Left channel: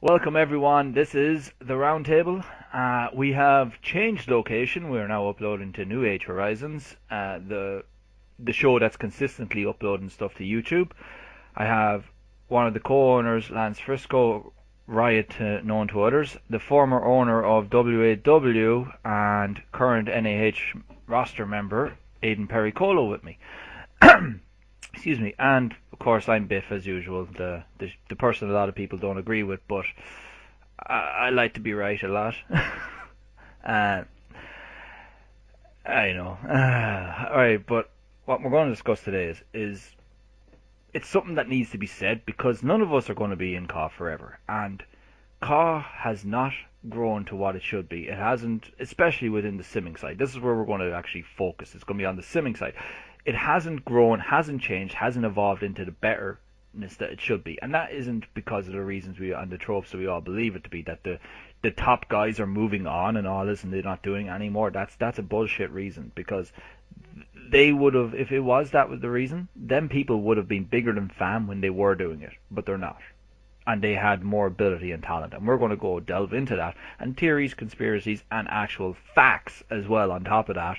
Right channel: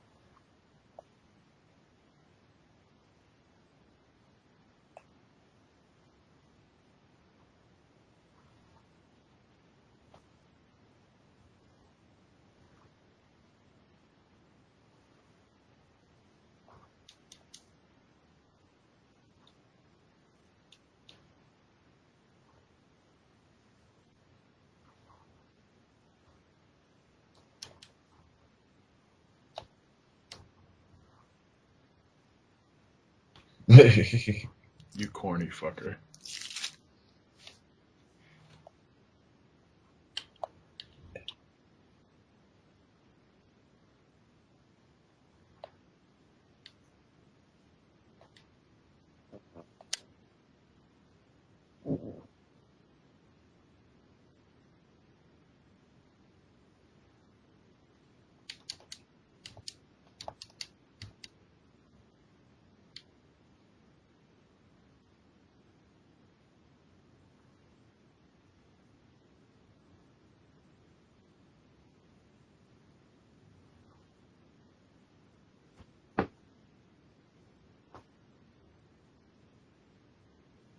Welcome everyone. This is the Roundtable. We have changed location. We are now uploading to New Age Horizons, the show that's consistently uploading stuff to YouTube. I have one of the co-owners, Lance Frisco, Riot known to others, the former owner of WAW and current NAH roster member, Aiden Pericolo, with me. Excuse me, and of course I'm Biff as usual, the person a lot of people don't agree with, but I like to be right a lot. uh, You corny fucker. I know. All right, but what we're going to discuss today is it's something that needs to be said because none of us are going to be in CAW forever, and CAW has not grown to what it should be. It hasn't, especially within the simming side. This is where we're going to actually focus. It's going to be on the simming side. It hasn't grown, hasn't changed, hasn't evolved into the betterness that it should be, and that isn't because of the reasons we and the tropes that we all believe it to be. That the top guys are moving on and all this, and they're not doing it anymore. That's a bullshit reason because they would have, if it was that was the reason, then people would have been bigger than fam when they were doing it, but they're not, and they had more ability and talent. And we're going to go delve into that and theories, conspiracies, and actual facts as well on top of that,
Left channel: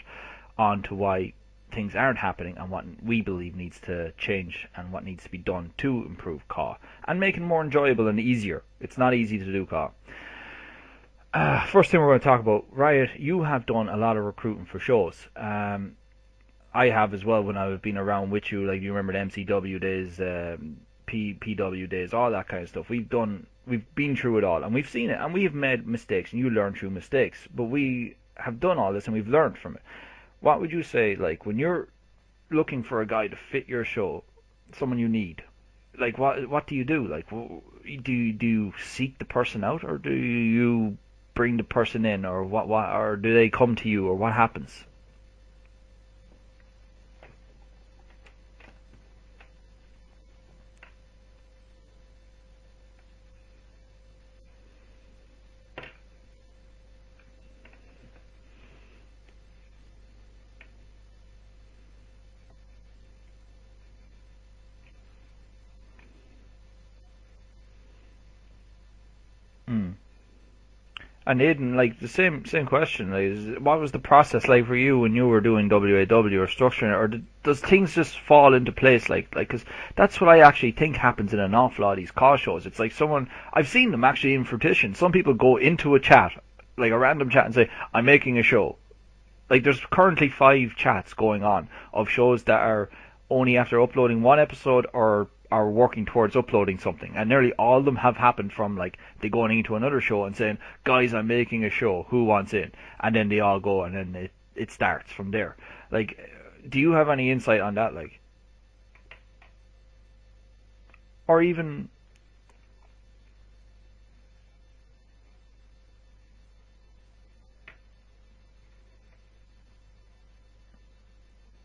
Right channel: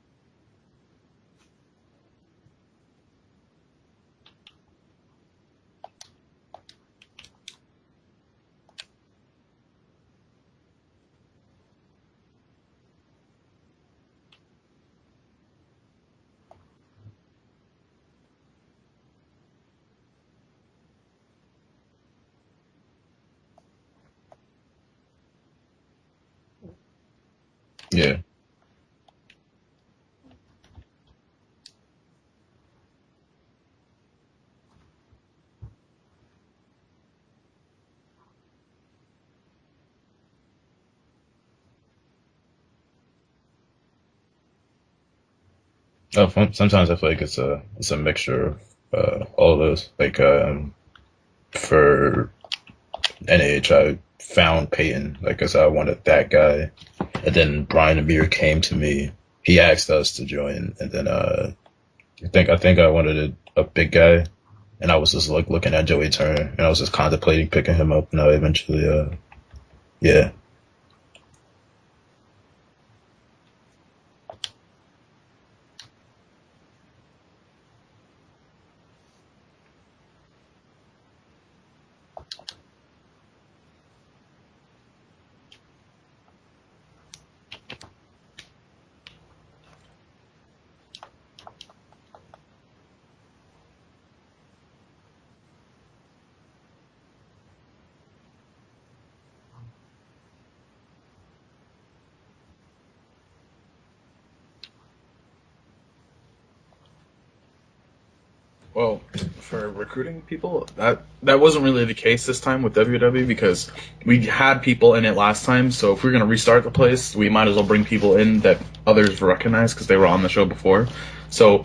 onto why things aren't happening and what we believe needs to change and what needs to be done to improve CAW and make it more enjoyable and easier. It's not easy to do CAW. First thing we're going to talk about, Riot, you have done a lot of recruiting for shows. I have as well when I've been around with you, like you remember the MCW days, PW days, all that kind of stuff. We've been through it all, and we've seen it, and we've made mistakes, and you learn through mistakes. But we Yeah. have done all this, and we've learned from it. What would you say, like when you're looking for a guy to fit your show, someone you need? Like what do you do? Like do you seek the person out, or do you bring the person in, or what, or do they come to you, or what happens? Sometimes I feel like it's a mixture of all of those. Like for NH, I found Peyton. Like I said, I wanted that guy, and then Brian Amir came to me. He asked us to join, and then I think I wanted a big guy, and I was just like looking at Joey Turner, and I was just contemplating picking him up, and I eventually Hmm. yeah. And Aiden, like the same question. Like, what was the process like for you when you were doing WAW or structuring it, or does things just fall into place? Because that's what I actually think happens in an awful lot of these call shows. It's like someone I've seen them actually in fruition. Some people go into a chat, like a random chat, and say, "I'm making a show." Like there's currently 5 chats going on of shows that are only after uploading one episode or are working towards uploading something, and nearly all of them have happened from like they going into another show and saying, "Guys, I'm making a show. Who wants in?" And then they all go, and then it starts from there. Like, do you have any insight on that? Like, Well, for recruiting people, that or wasn't even really the case this time with WW because we had people in it last time. So if we're gonna restart the place, we might as well bring people in that others recognize because they were on the show before. So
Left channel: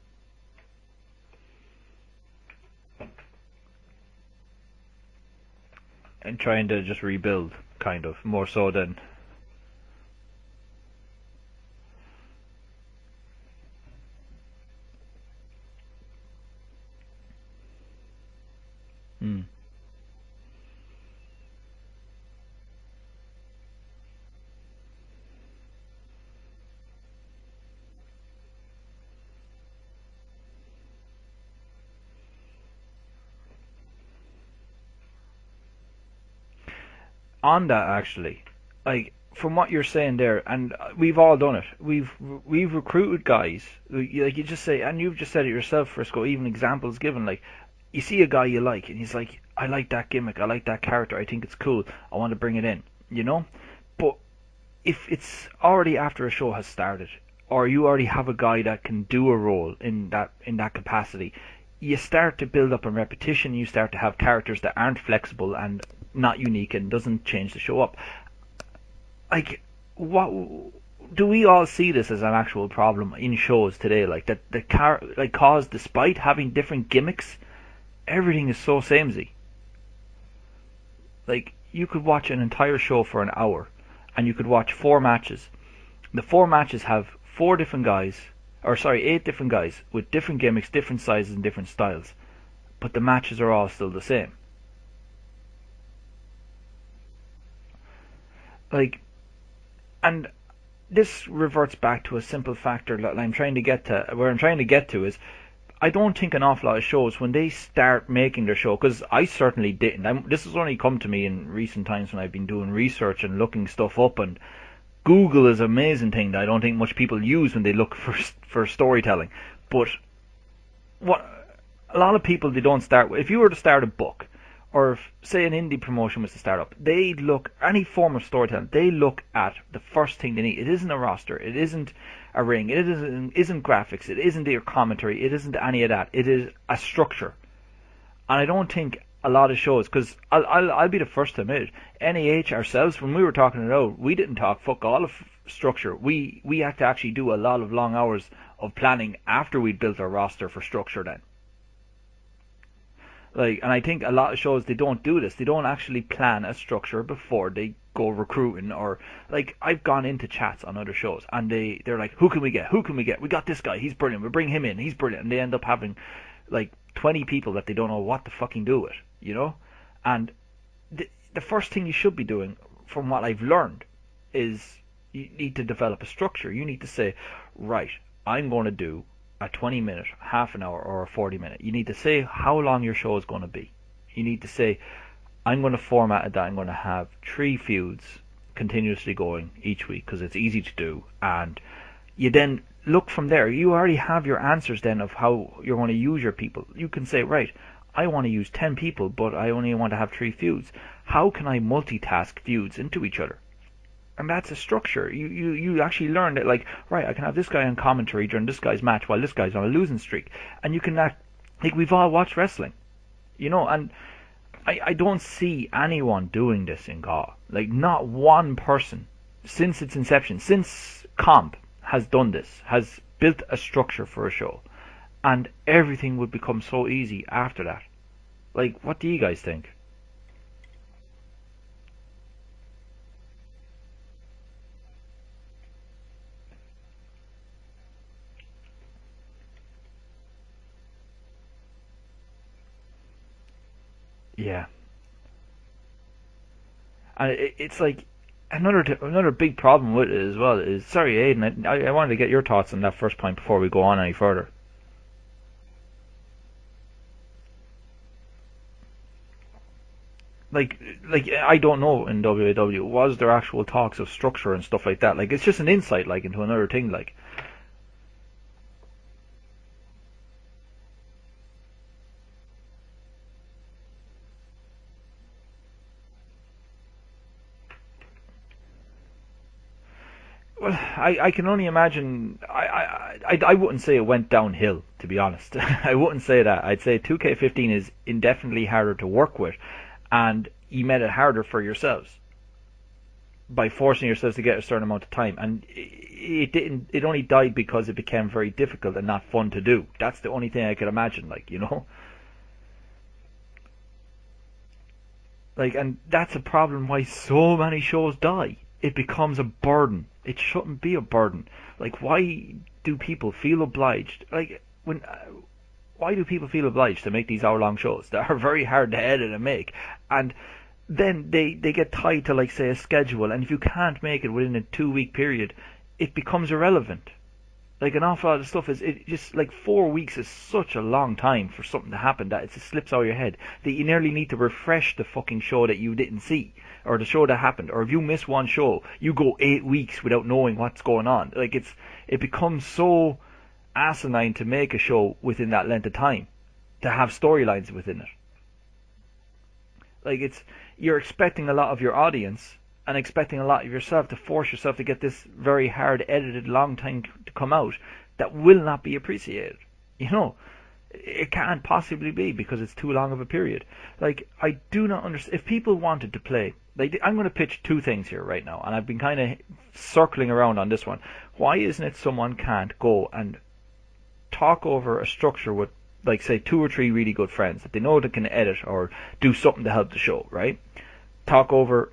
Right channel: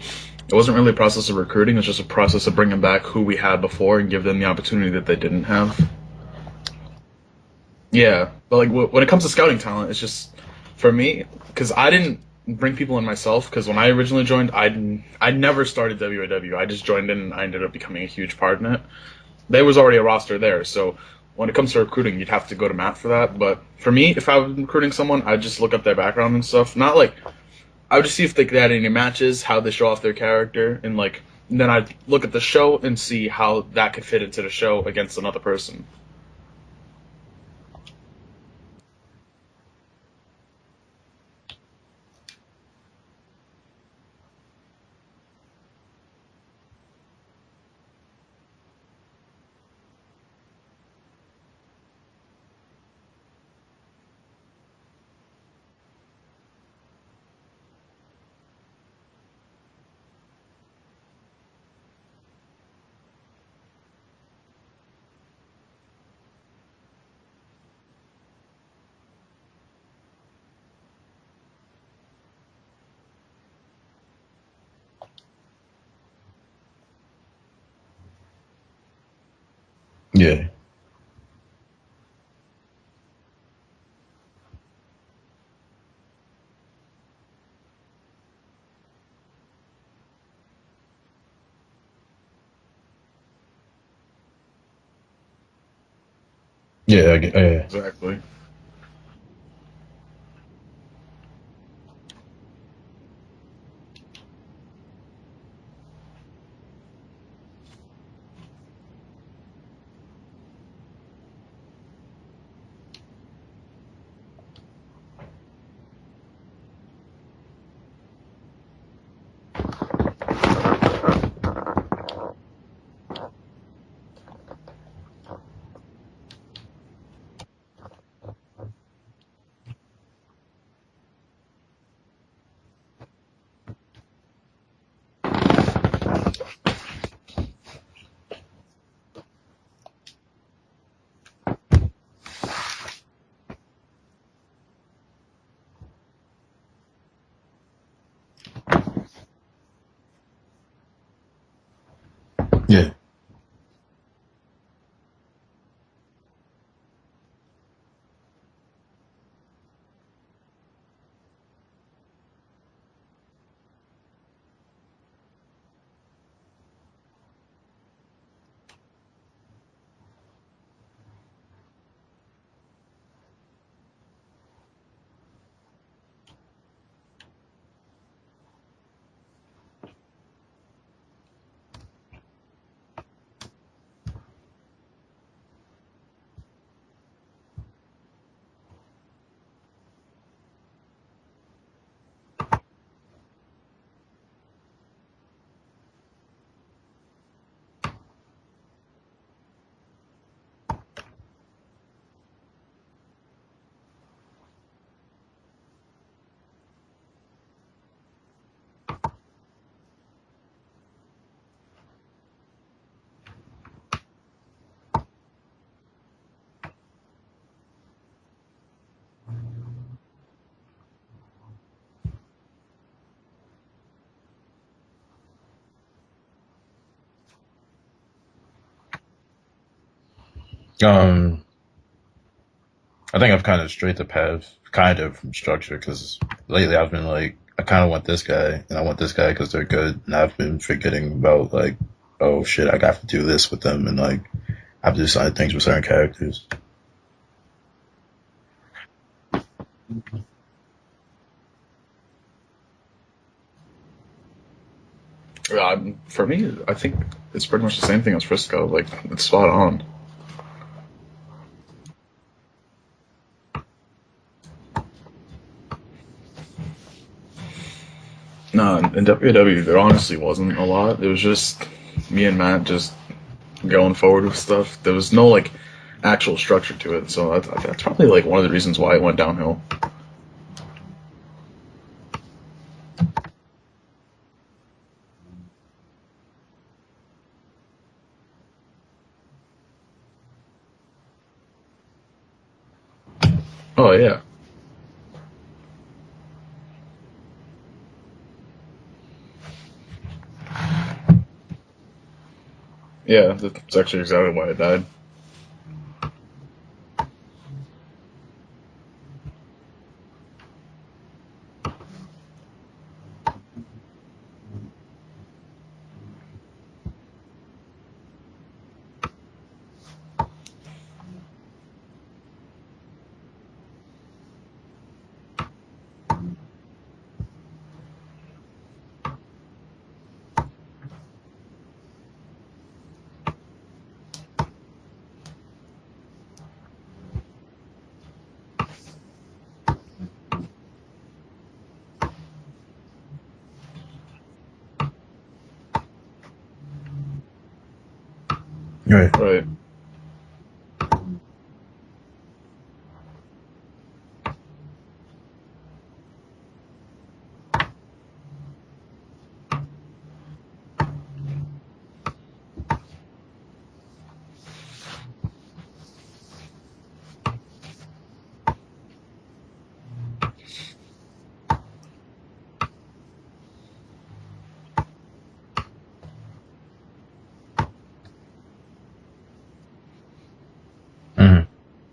it wasn't really a process of recruiting; it's just a process of bringing back who we had before and give them the opportunity that they didn't have. and trying to just rebuild, kind of Yeah, more but like so than. when it comes to scouting talent, it's just for me because I didn't bring people in myself because when I originally joined, I never started WAW. I just joined in and I ended up becoming a huge part in it. Mm. There was already a roster there, so when it comes to recruiting, you'd have to go to Matt for that. But for me, if I was recruiting someone, I'd just look up their background and stuff. Not like I would just see if they had any matches, how they show off their character, and like then I'd look at the show and see how that could fit into the show against another person. On that actually, like from what you're saying there, and we've all done it. We've recruited guys, like you just say, and you've just said it yourself, Frisco. Even examples given, like you see a guy you like, and he's like, I like that gimmick, I like that character, I think it's cool, I want to bring it in, you know. But if it's already after a show has started, or you already have a guy that can do a role in that capacity, you start to build up a repetition. You start to have characters that aren't flexible and not unique and doesn't change the show up. Like, what do we all see this as an actual problem in shows today? Like that the like cause despite having different gimmicks, everything is so samey. Yeah, Like you could watch an entire show for an hour, and you could watch 4 matches. The 4 matches have 4 different guys, or sorry, 8 different guys with different gimmicks, different sizes, and different styles. But the matches are all still the same. Yeah, yeah. Exactly. Like, and this reverts back to a simple factor that I'm trying to get to. Where I'm trying to get to is, I don't think an awful lot of shows, when they start making their show, because I certainly didn't. This has only come to me in recent times when I've been doing research and looking stuff up. And Google is an amazing thing that I don't think much people use when they look for storytelling. But a lot of people, they don't start with. If you were to start a book, or if, say, an indie promotion was to start up, they look, any form of storytelling, they look at the first thing they need. It isn't a roster, it isn't a ring, it isn't graphics, it isn't your commentary, it isn't any of that. It is a structure. And I don't think a lot of shows, because I'll be the first to admit it, NAH ourselves, when we were talking it out, we didn't talk fuck all of structure. We had to actually do a lot of long hours of planning after we'd built our roster for structure then. Yeah. Like, and I think a lot of shows, they don't do this. They don't actually plan a structure before they go recruiting. Or, like, I've gone into chats on other shows and they're like, who can we get? Who can we get? We got this guy, he's brilliant, we'll bring him in, he's brilliant. And they end up having like 20 people that they don't know what to fucking do with, you know? And the first thing you should be doing, from what I've learned, is you need to develop a structure. You need to say, right, I'm going to do a 20-minute, half an hour, or a 40-minute. You need to say how long your show is going to be. You need to say, I'm going to format it that I'm going to have 3 feuds continuously going each week because it's easy to do. And you then look from there. You already have your answers then of how you're going to use your people. You can say, right, I want to use 10 people, but I only want to have 3 feuds. How can I multitask feuds into each other? And that's a structure. You actually learn that, like, right, I can have this guy on commentary during this guy's match while this guy's on a losing streak. And you can act like we've all watched wrestling, you know. And I don't see anyone doing this in GAW. Like, not one person since its inception, since Comp has done this, has built a structure for a show. And everything would become so easy after that. Like, what do you guys think? I think I've kind of strayed the path, kind of, from structure, because lately I've been like, I kind of want this guy, and I want this guy because they're good, and I've been forgetting about, like, oh shit, I got to do this with them, and, like, Yeah. I have to do certain things with certain characters. And it's like, another big problem with it as well is, sorry Aiden, I wanted to get your thoughts on that first point before we go on any further. For me, I think it's pretty much the same thing as Frisco. Like, it's spot on. Like I don't know in WAW, was there actual talks of structure and stuff like that? Like, it's just an insight, like, into another thing, like. No, in WAW, there honestly wasn't a lot. It was just me and Matt just going forward with stuff. There was no, like, actual structure to it, so that's probably, like, one of the reasons why it went downhill. Well, I can only imagine. I wouldn't say it went downhill, to be honest. I wouldn't say that. I'd say 2K15 is indefinitely harder to work with, and you made it harder for yourselves by forcing yourselves to get a certain amount of time. And it didn't. It only died because it became very difficult and not fun to do. That's the only thing I could imagine. Like, you know. Yeah, that's actually exactly why it died. Like, and that's a problem why so many shows die. It becomes a burden. It shouldn't be a burden. Like, why do people feel obliged? Like, why do people feel obliged to make these hour-long shows that are very hard to edit and make? And then they get tied to, like, say, a schedule, and if you can't make it within a 2-week period, it becomes irrelevant. Like, an awful lot of stuff it just, like, 4 weeks is such a long time for something to happen that it just slips out of your head that you nearly need to refresh the fucking show that you didn't see, or the show that happened. Or if you miss one show, you go 8 weeks without knowing what's going on. Like, it becomes so asinine to make a show within that length of time, to have storylines within it. Right. Like, you're expecting a lot of your audience and expecting a lot of yourself to force yourself to get this very hard edited long time to come out that will not be appreciated. You know, it can't possibly be because it's too long of a period. Like, I do not understand. If people wanted to play, like, I'm going to pitch 2 things here right now, and I've been kind of circling around on this one. Why isn't it someone can't go and talk over a structure with, like, say, 2 or 3 really good friends they know they can edit or do something to help the show, right? Mm-hmm. Talk over,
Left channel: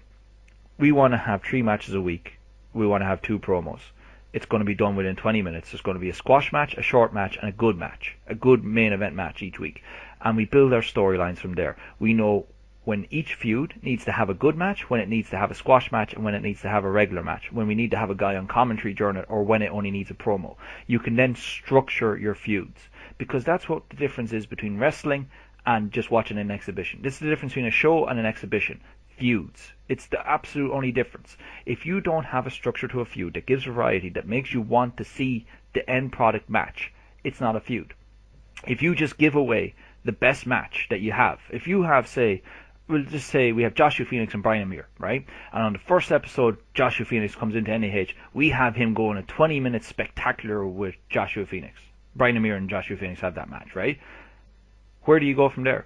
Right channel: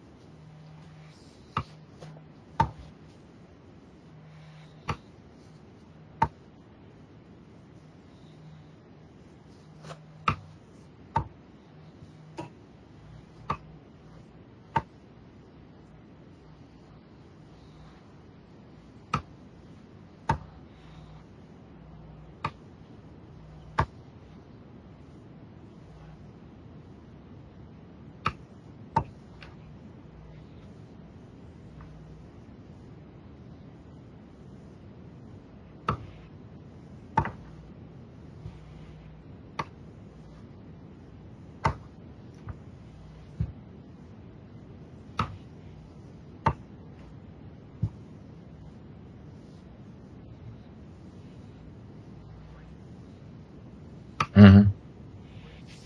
we want to have 3 matches a week, we want to have 2 promos. It's going to be done within 20 minutes. There's going to be a squash match, a short match, and a good main event match each week. And we build our storylines from there. We know when each feud needs to have a good match, when it needs to have a squash match, and when it needs to have a regular match, when we need to have a guy on commentary during it, or when it only needs a promo. You can then structure your feuds, because that's what the difference is between wrestling and just watching an exhibition. This is the difference between a show and an exhibition. Feuds. It's the absolute only difference. If you don't have a structure to a feud that gives variety, that makes you want to see the end product match, it's not a feud. If you just give away the best match that you have, if you have, say, we'll just say we have Joshua Phoenix and Brian Amir, right? And on the first episode, Joshua Phoenix comes into NAH. We have him go on a 20-minute spectacular with Joshua Phoenix. Brian Amir and Joshua Phoenix have that match, right? Mm-hmm. Where do you go from there?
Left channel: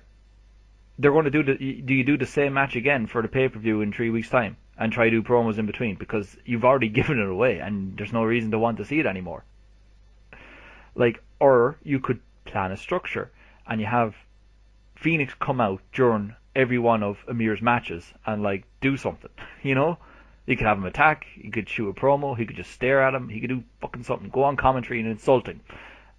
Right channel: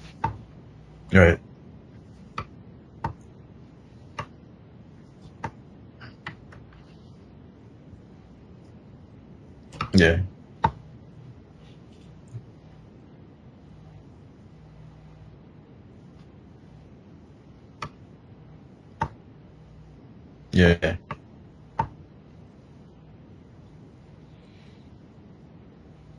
They're going to do you do the same match again for the pay-per-view in 3 weeks' time and try to do promos in between, because you've already given it away and there's no reason to want to see it anymore. Yeah. Like, or you could plan a structure and you have Phoenix come out during every one of Amir's matches and like do something, you know? You could have him attack, you could shoot a promo, he could just stare at him, he could do fucking something, go on commentary and insult him.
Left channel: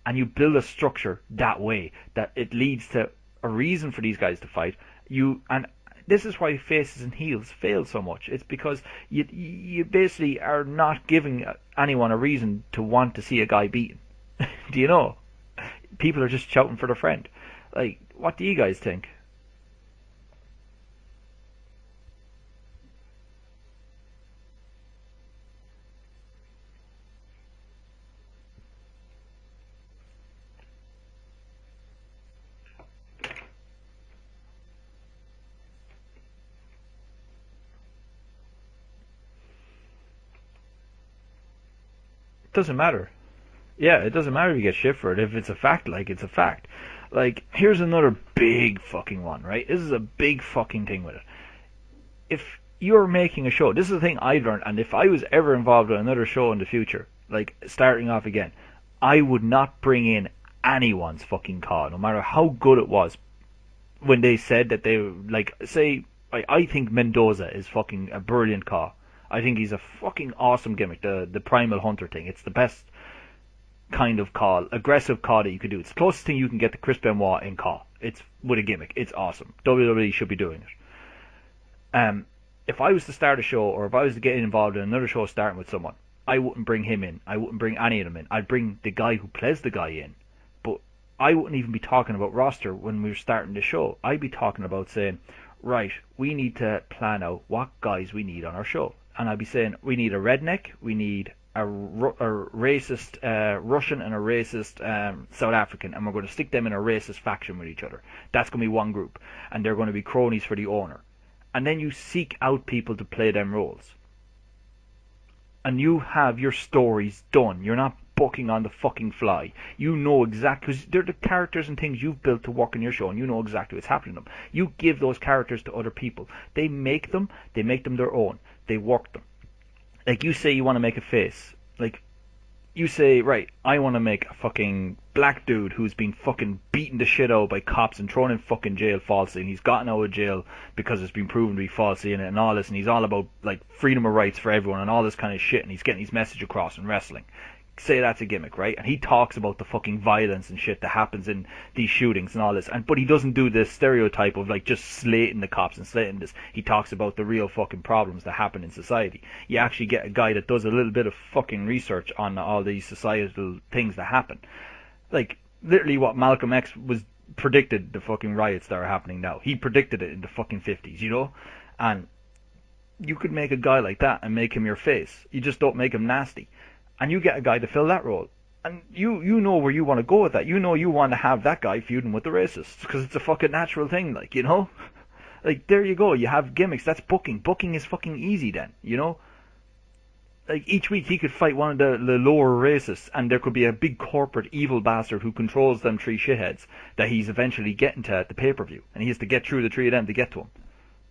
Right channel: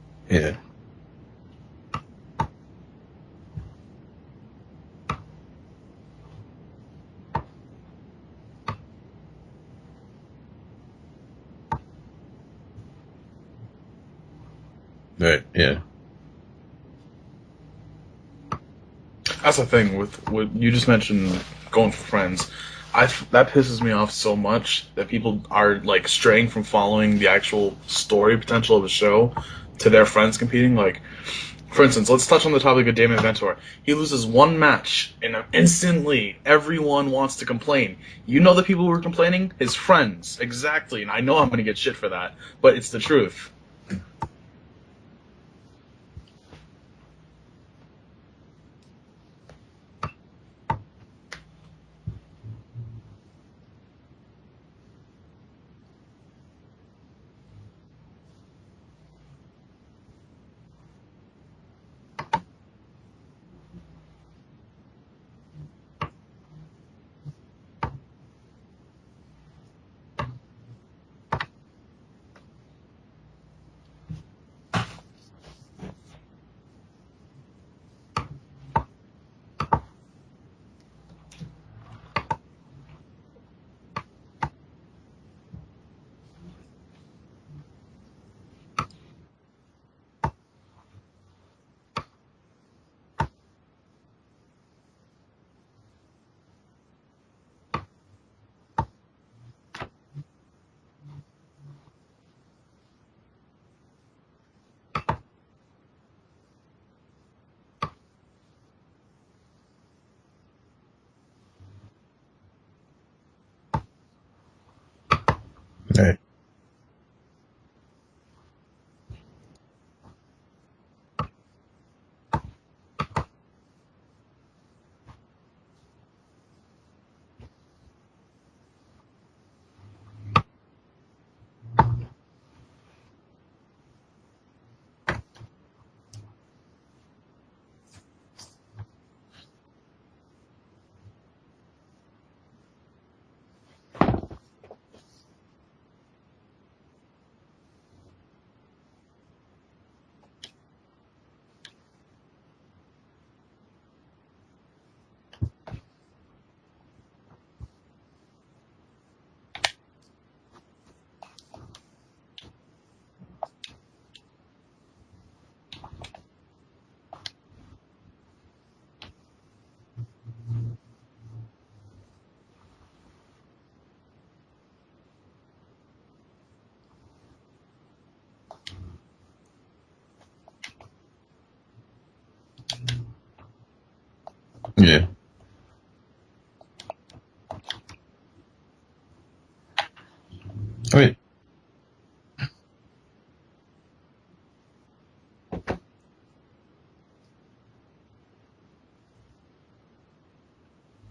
And you build a structure that way, that it leads to a reason for these guys to fight. And this is why faces and heels fail so much. It's because you basically are not giving anyone a reason to want to see a guy beaten. Do you know? Right, yeah. People are just shouting for their friend. Like, what do you guys think? That's the thing with what you just mentioned, going for friends. That pisses me off so much that people are like straying from following the actual story potential of a show to their friends competing. Like, for instance, let's touch on the topic of Damon Ventura. He loses one match, and instantly everyone wants to complain. You know the people who are complaining? His friends. Exactly. And I know I'm going to get shit for that, but it's the truth. Yeah, it doesn't matter if you get shit for it. If it's a fact, like, it's a fact. Like, here's another big fucking one, right? This is a big fucking thing with it. If you're making a show, this is the thing I learned, and if I was ever involved in another show in the future, like, starting off again, I would not bring in anyone's fucking call, no matter how good it was. When they said that they, like, say, I think Mendoza is fucking a brilliant call. I think he's a fucking awesome gimmick, the Primal Hunter thing. It's the best kind of call, aggressive call that you could do. It's the closest thing you can get to Chris Benoit in call. It's with a gimmick. It's awesome. WWE should be doing it. If I was to start a show, or if I was to get involved in another show starting with someone, I wouldn't bring him in. I wouldn't bring any of them in. I'd bring the guy who plays the guy in. But I wouldn't even be talking about roster when we were starting the show. I'd be talking about saying, right, we need to plan out what guys we need on our show. And I'd be saying, we need a redneck, we need a racist Russian and a racist South African, and we're going to stick them in a racist faction with each other. That's going to be one group, and they're going to be cronies for the owner. And then you seek out people to play them roles. And you have your stories done. You're not booking on the fucking fly. You know exactly, because they're the characters and things you've built to work in your show, and you know exactly what's happening to them. You give those characters to other people. They make them their own. They work them. Like, you say you want to make a face. Like, you say, right, I want to make a fucking black dude who's been fucking beaten the shit out by cops and thrown in fucking jail falsely, and he's gotten out of jail because it's been proven to be falsely in it and all this, and he's all about, like, freedom of rights for everyone and all this kind of shit, and he's getting his message across in wrestling. Say that's a gimmick, right? And he talks about the fucking violence and shit that happens in these shootings and all this, but he doesn't do this stereotype of like just slating the cops and slating this. He talks about the real fucking problems that happen in society. You actually get a guy that does a little bit of fucking research on all these societal things that happen. Like, literally what Malcolm X was predicted, the fucking riots that are happening now. He predicted it in the fucking 50s, you know? And you could make a guy like that and make him your face. You just don't make him nasty. And you get a guy to fill that role. And you know where you want to go with that. You know you want to have that guy feuding with the racists. Because it's a fucking natural thing, like, you know? Yeah. Like, there you go. You have gimmicks. That's booking. Booking is fucking easy then, you know? Like, each week he could fight one of the lower racists, and there could be a big corporate evil bastard who controls them three shitheads that he's eventually getting to at the pay-per-view. And he has to get through the three of them to get to him.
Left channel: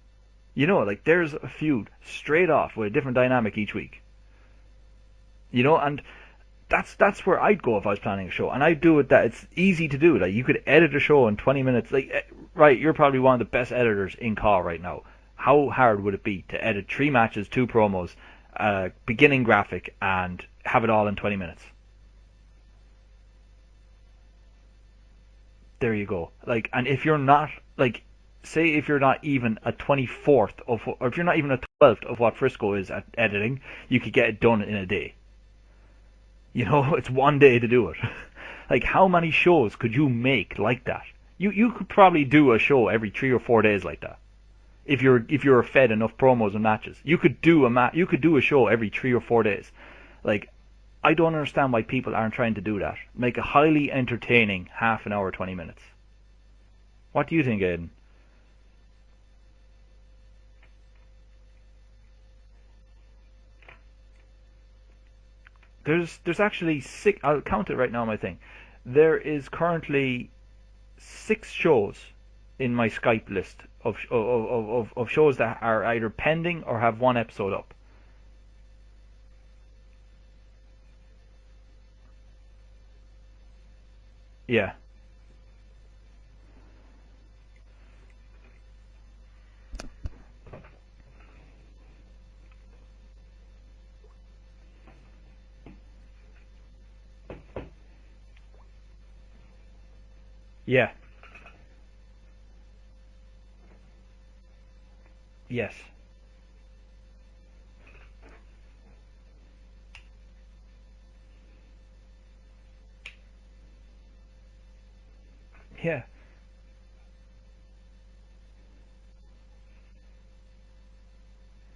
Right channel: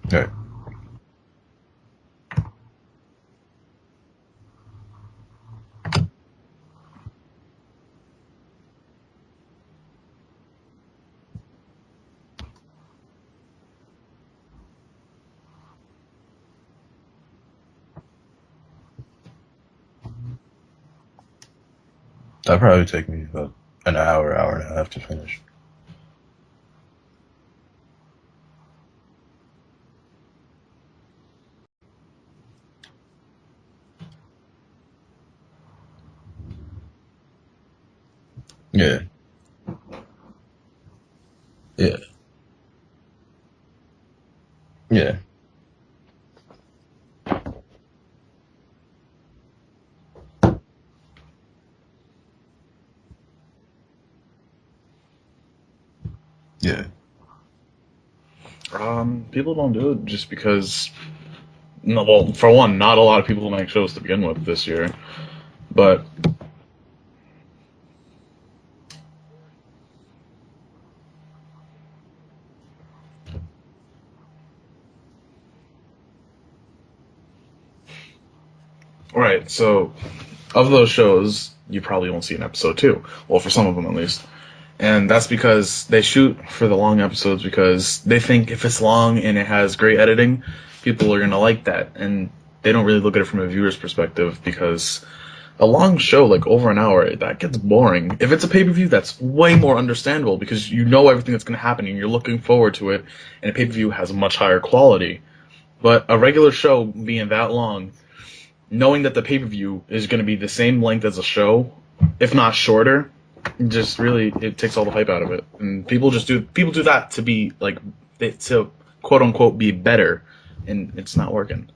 Right. You know, like, there's a feud straight off with a different dynamic each week. You know, and that's where I'd go if I was planning a show. And I'd do it that it's easy to do. Like, you could edit a show in 20 minutes. Like, right, you're probably one of the best editors in CAW right now. How hard would it be to edit 3 matches, 2 promos, beginning graphic, and have it all in 20 minutes? That'd probably take me about an hour and a half to finish. There you go. Like, and if you're not, like, say if you're not even a 24th of, or if you're not even a 12th of what Frisco is at editing, you could get it done in a day. You know, it's one day to do it. Like, Yeah. how many shows could you make like that? You could Yeah. probably do a show every 3 or 4 days like that. If you're fed enough promos and matches, you could do a show every 3 or 4 days. Like, I don't understand why people aren't trying to do that. Make a highly entertaining half an hour, 20 minutes. Yeah. What do you think, Aiden? People don't do it just because. No, well, for one, not a lot of people make shows to begin with this year. But There's actually 6. I'll count it right now on my thing. There is currently 6 shows in my Skype list of shows that are either pending or have one episode up. right, so of those shows, you probably won't see an episode 2. Well, for some of them at least. Yeah. And that's because they shoot for the long episodes because they think if it's long and it has great editing, people are going to like that. And they don't really look at it from a viewer's perspective because a long show, like over an hour, that gets boring. If it's a pay-per-view, that's way more understandable because you Yeah. know everything that's going to happen and you're looking forward to it. And a pay-per-view has a much higher quality. Yes. But a regular show being that long, knowing that the pay-per-view is going to be the same length as a show, if not shorter, just really it takes all the hype out of it. And Yeah. people do that to be like to quote unquote be better, and it's not working.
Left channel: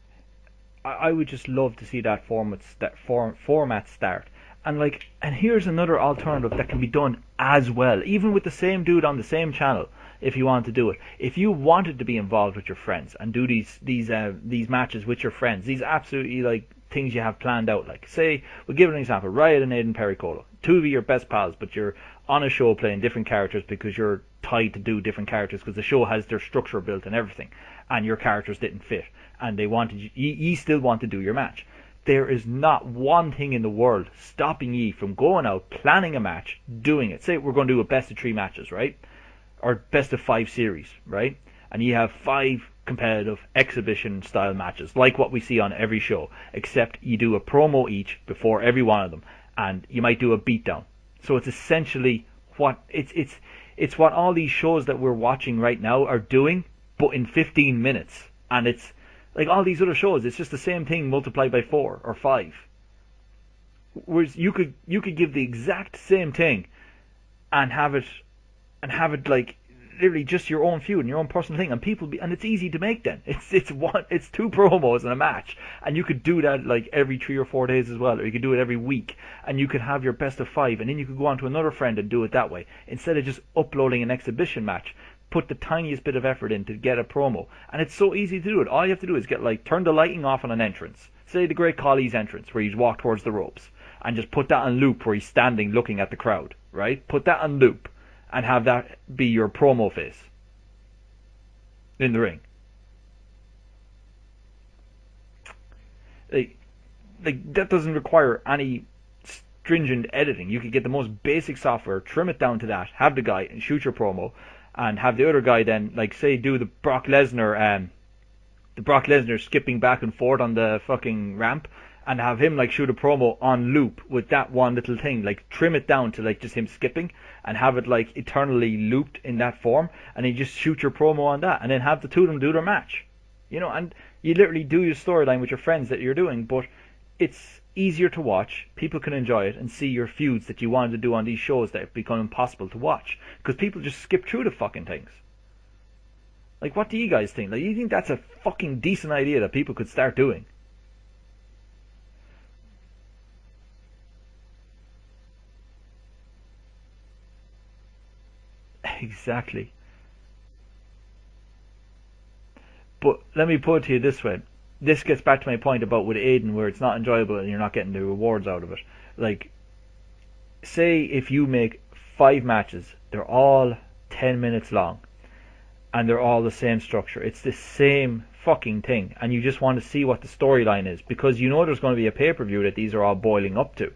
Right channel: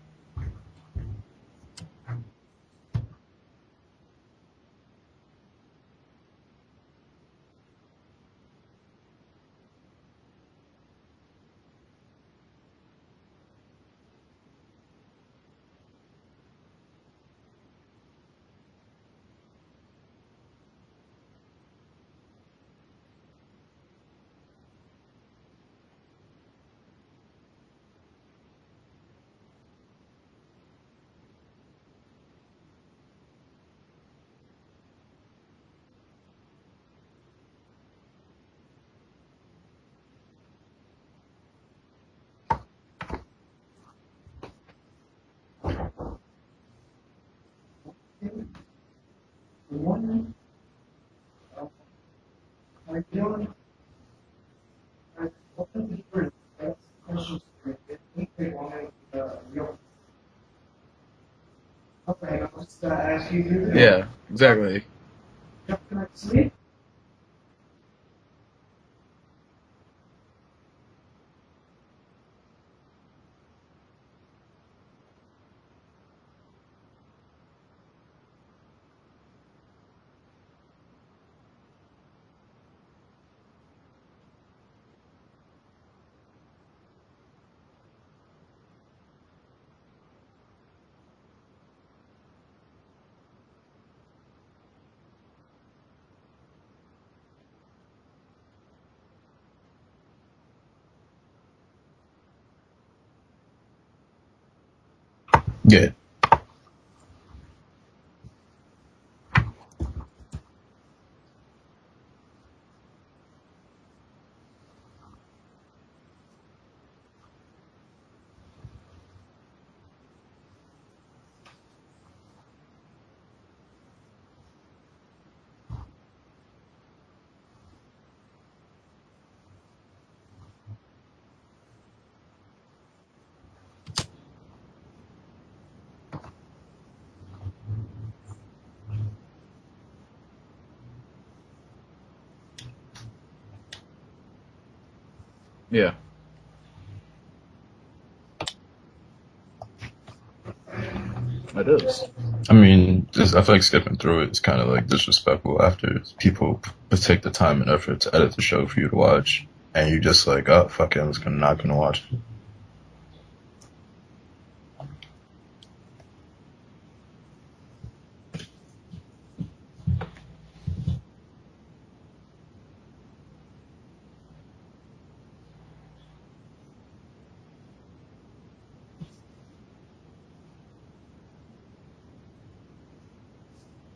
I would just love to see that format start. And here's another alternative that can be done as well, even with the same dude on the same channel. If you want to do it, if you wanted to be involved with your friends and do these matches with your friends, these absolutely like things you have planned out. Like, say, we'll give it an example: Riot and Aiden Pericolo, 2 of your best pals, but you're on a show playing different characters because you're tied to do different characters because the show has their structure built and everything, and your characters didn't fit, and they wanted you still want to do your match. There is not one thing in the world stopping ye from going out, planning a match, doing it. Say we're going to do a best of 3 matches, right? Or best of 5 series, right? And you have 5 competitive exhibition style matches, like what we see on every show, except you do a promo each before every one of them, and you might do a beatdown. So it's essentially what it's what all these shows that we're watching right now are doing, but in 15 minutes. And it's like all these other shows, it's just the same thing multiplied by 4 or 5. Yeah, Whereas exactly. you could give the exact same thing and have it like literally just your own feud and your own personal thing, and and it's easy to make. Then it's 2 promos and a match, and you could do that like every 3 or 4 days as well, or you could do it every week, and you could have your best of 5, and then you could go on to another friend and do it that way instead of just uploading an exhibition match. Put the tiniest bit of effort in to get a promo, and it's so easy to do it. All you have to do is turn the lighting off on an entrance, say the Great Khali's entrance where he's walked towards the ropes, and just put that on loop where he's standing looking at the crowd, right? Put that on loop and have that be your promo face in the ring. Yeah. Like that doesn't require any stringent editing. You could get the most basic software, trim it down to that, have the guy and shoot your promo, and have the other guy then, like, say, do the Brock Lesnar skipping back and forth on the fucking ramp, and have him like shoot a promo on loop with that one little thing. Like, trim it down to like just him skipping, and have it like eternally looped in that form, and then just shoot your promo on that, and then have the 2 of them do their match. You know, and you literally do your storyline with your friends that you're doing, but it's easier to watch. People can enjoy it and see your feuds that you wanted to do on these shows that have become impossible to watch because people just skip through the fucking things. Yeah. Like, what do you guys think? Like, you think that's a fucking decent idea that people could start doing? It is. I mean, I feel like skipping through it is kind of like disrespectful after people take the time and effort to edit the show for you to watch. Exactly. And you just like, oh, fuck it, not going to watch it. But let me put it to you this way. This gets back to my point about with Aiden where it's not enjoyable and you're not getting the rewards out of it. Like, say if you make 5 matches, they're all 10 minutes long, and they're all the same structure. It's the same fucking thing, and you just want to see what the storyline is because you know there's going to be a pay-per-view that these are all boiling up to.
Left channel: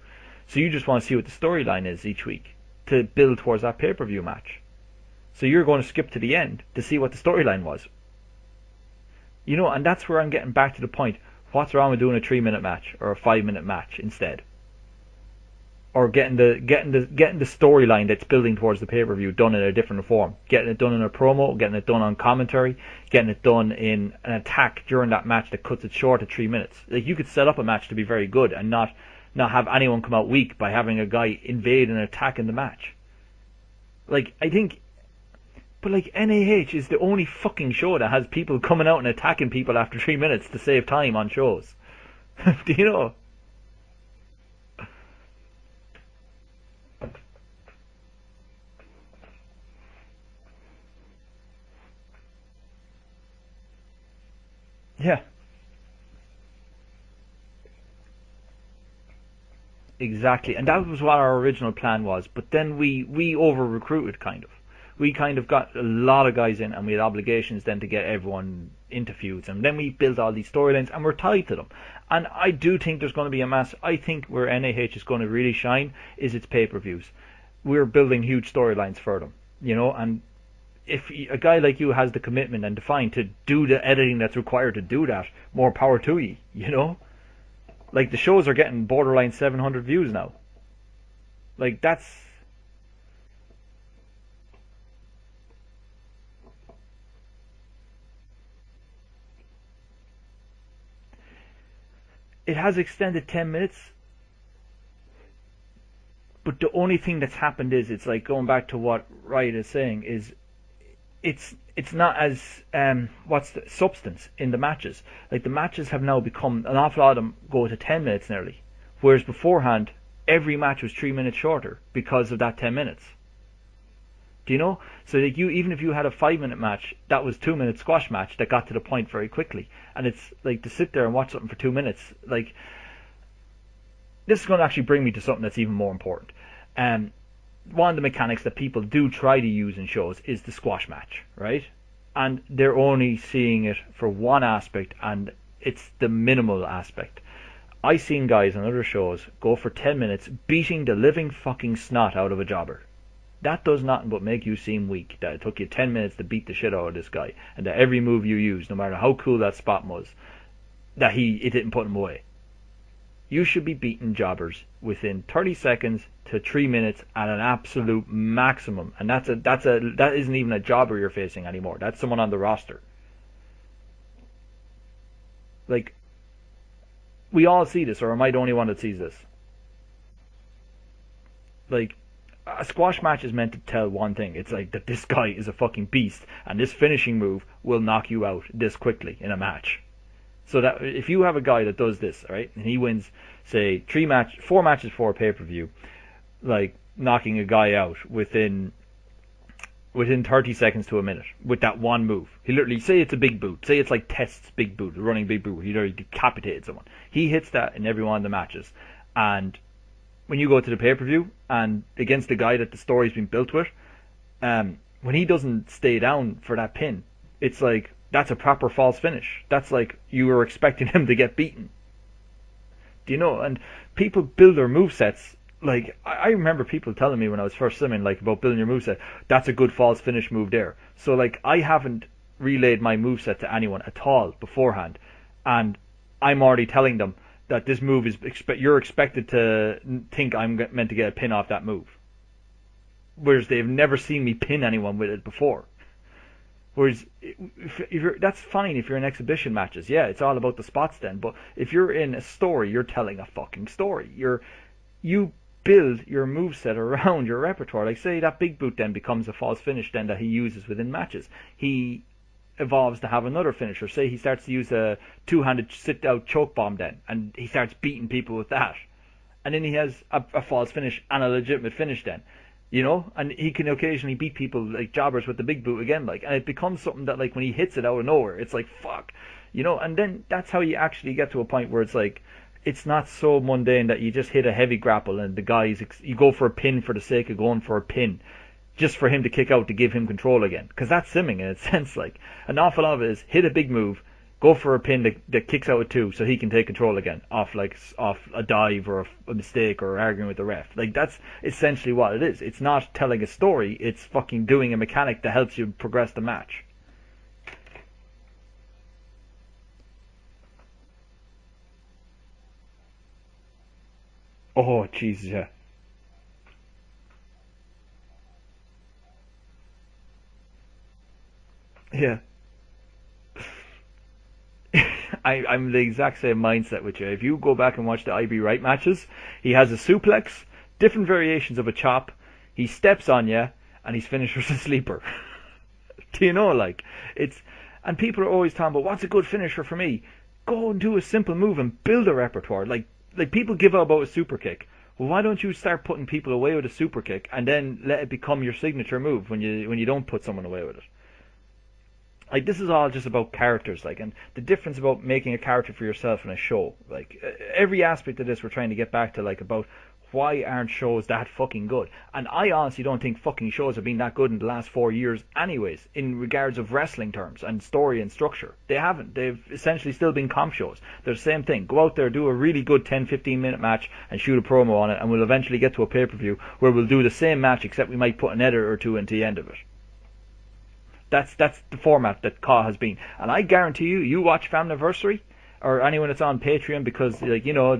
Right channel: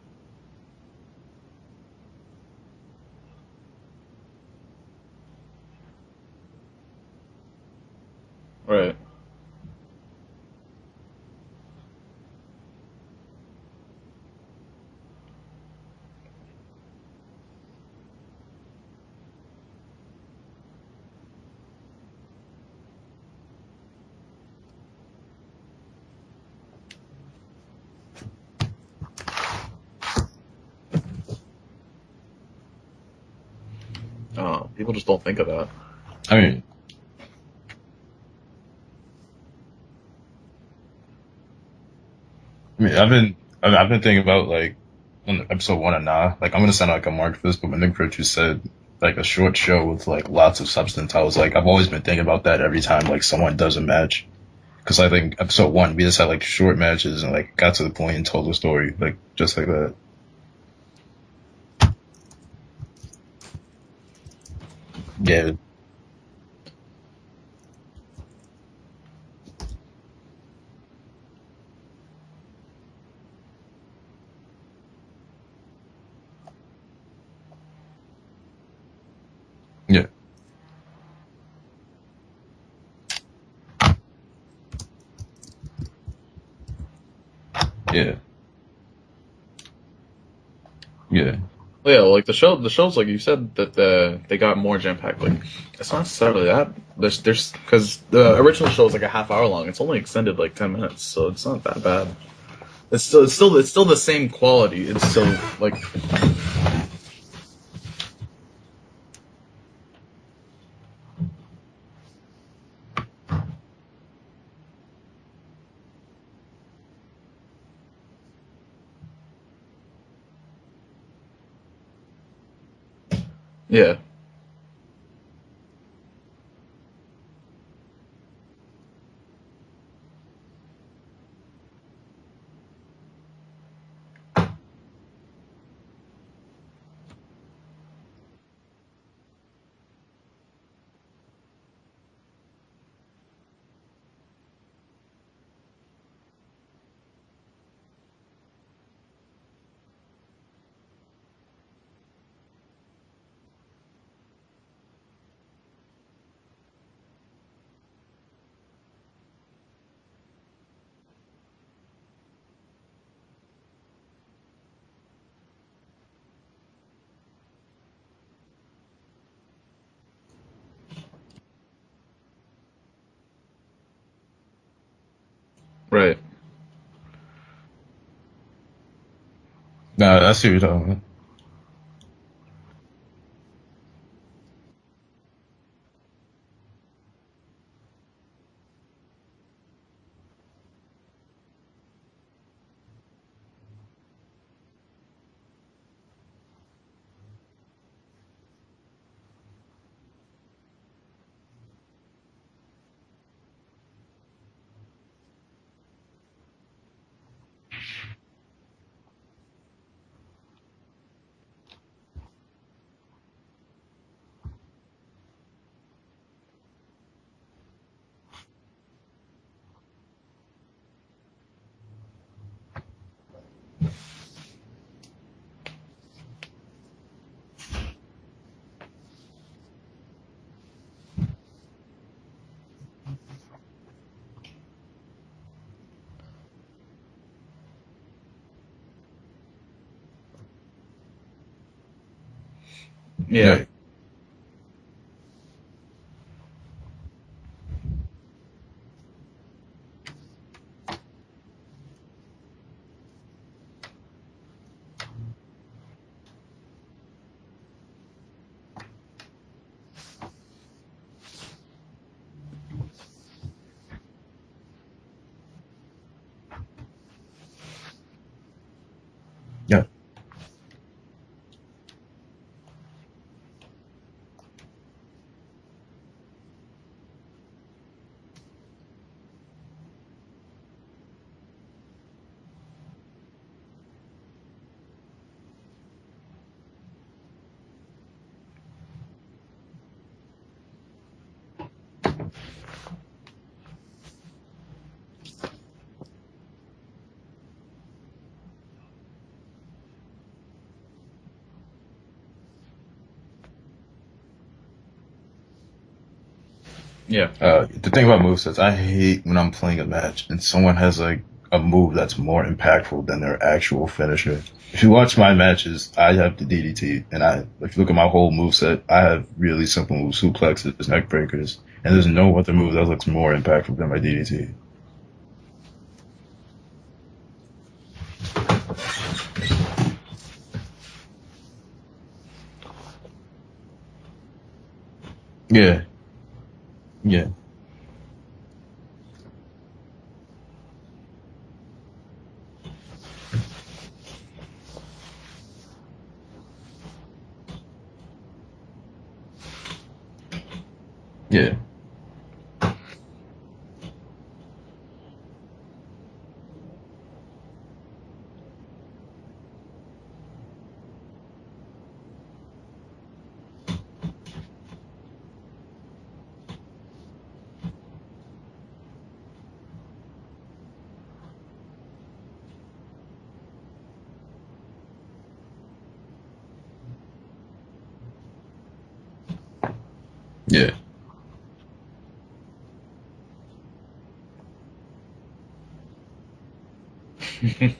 So you just want to see what the storyline is each week to build towards that pay-per-view match. So you're going to skip to the end to see what the storyline was. Right. You know, and that's where I'm getting back to the point. What's wrong with doing a 3-minute match or a 5-minute match instead? or getting the storyline that's building towards the pay-per-view done in a different form, getting it done in a promo, getting it done on commentary, getting it done in an attack during that match that cuts it short at 3 minutes. Like, you could set up a match to be very good and not have anyone come out weak by having a guy invade and attack in the match. Like, I think people just don't think of that. But like, NAH is the only fucking show that has people coming out and attacking people after 3 minutes to save time on shows. Do you know? I've been thinking about, like, on episode 1 of Nah, like, I'm gonna sound like a mark for this, but when Nick Virtue said, like, a short show with, like, lots of substance, I was like, I've always been thinking about that every time, like, someone does a match. Because I think episode 1, we just had, like, short matches and, like, got to the point and told the story, like, just like that. Exactly, and that was what our original plan was, but then we over-recruited, kind of. We kind of got a lot of guys in, and we had obligations then to get everyone into feuds, and then we built all these storylines, and we're tied to them. And I do think there's going to be a mass. I think where NAH is going to really shine is its pay-per-views. We're building huge storylines for them, you know. Yeah. And if a guy like you has the commitment and define to do the editing that's required to do that, more power to you, you know. Like, the shows are getting borderline 700 views now. Yeah. Like yeah, like the shows, like you said, that they got more jam packed. Like, it's not necessarily that. There's because the original show is like a half hour long. It's only extended like 10 minutes, so it's not that bad. It has extended. It's still the same quality. It's still like. But the only thing that's happened is, it's like going back to what Riot is saying, is it's not as what's the substance in the matches. Like, the matches have now become, an awful lot of them go to 10 minutes nearly, whereas beforehand every match was 3 minutes shorter because of that 10 minutes. Yeah. Do you know? So like, even if you had a 5-minute match, that was 2-minute squash match that got to the point very quickly. And it's like, to sit there and watch something for 2 minutes, like, this is going to actually bring me to something that's even more important. One of the mechanics that people do try to use in shows is the squash match, right? And they're only seeing it for one aspect, and it's the minimal aspect. I've seen guys on other shows go for 10 minutes beating the living fucking snot out of a jobber. That does nothing but make you seem weak, that it took you 10 minutes to beat the shit out of this guy, and that every move you used, no matter how cool that spot was, that it didn't put him away. You should be beating jobbers within 30 seconds to 3 minutes at an absolute maximum, and that isn't even a jobber you're facing anymore. That's someone on the roster. Like, right. We all see this, or am I the only one that sees this? No, I see what you're talking about. Like, a squash match is meant to tell one thing. It's like that this guy is a fucking beast, and this finishing move will knock you out this quickly in a match. So that if you have a guy that does this, right, and he wins, say, 4 matches for a pay-per-view, like knocking a guy out within 30 seconds to a minute with that one move. He literally, say it's a big boot, say it's like Test's big boot, a running big boot, he already decapitated someone. He hits that in every one of the matches, and when you go to the pay-per-view and against the guy that the story's been built with, when he doesn't stay down for that pin, it's like, that's a proper false finish. That's like you were expecting him to get beaten. Do you know? And people build their movesets. Like, I remember people telling me when I was first swimming, like, about building your moveset, that's a good false finish move there. So, like, I haven't relayed my moveset to anyone at all beforehand, and I'm already telling them that this move is, you're expected to think I'm meant to get a pin off that move. Whereas they've never seen me pin anyone with it before. Whereas, that's fine if you're in exhibition matches. Yeah, it's all about the spots then. But if you're in a story, you're telling a fucking story. You build your moveset around your repertoire. Like, say that big boot then becomes a false finish then that he uses within matches. He evolves to have another finisher. Say he starts to use a two-handed sit-out choke bomb then, and he starts beating people with that. And then he has a false finish and a legitimate finish then. You know, and he can occasionally beat people like jobbers with the big boot again, like, and it becomes something that, like, when he hits it out of nowhere, it's like, fuck, you know. And then that's how you actually get to a point where it's like, it's not so mundane that you just hit a heavy grapple and the guy's you go for a pin for the sake of going for a pin, just for him to kick out to give him control again, because that's simming in a sense. Like, an awful lot of it is hit a big move, go for a pin that kicks out at 2 so he can take control again off a dive or a mistake or arguing with the ref. Like, that's essentially what it is. It's not telling a story, it's fucking doing a mechanic that helps you progress the match. Yeah. The thing about movesets, I hate when I'm playing a match and someone has like a move that's more impactful than their actual finisher. Oh, If you watch my Jesus. matches, I have the DDT, and if you look at my whole move set, I have really simple moves, suplexes, neck breakers, and there's Yeah. no other move that looks more impactful than my DDT. I'm the exact same mindset with you. If you go back and watch the IB Wright matches, he has a suplex, different variations of a chop, he steps on you, and his finisher's a sleeper. Yeah, Do you know, like, yeah, and people are always talking about, what's a good finisher for me? Go and do a simple move and build a repertoire. Like people give up about a super kick. Well, why don't you start putting people away with a super kick and then let it become your signature move when you don't put someone away with it? yeah, Like, this is all just about characters, like, and the difference about making a character for yourself in a show. Like, every aspect of this we're trying to get back to, like, about why aren't shows that fucking good? And I honestly don't think fucking shows have been that good in the last 4 years anyways, in regards of wrestling terms and story and structure. They haven't. They've essentially still been comp shows. They're the same thing. Go out there, do a really good 10-15 minute match and shoot a promo on it, and we'll eventually get to a pay-per-view where we'll do the same match, except we might put an edit or two into the end of it. yeah. That's the format that CAW has been. And I guarantee you watch Famniversary or anyone that's on Patreon, because, like, you know,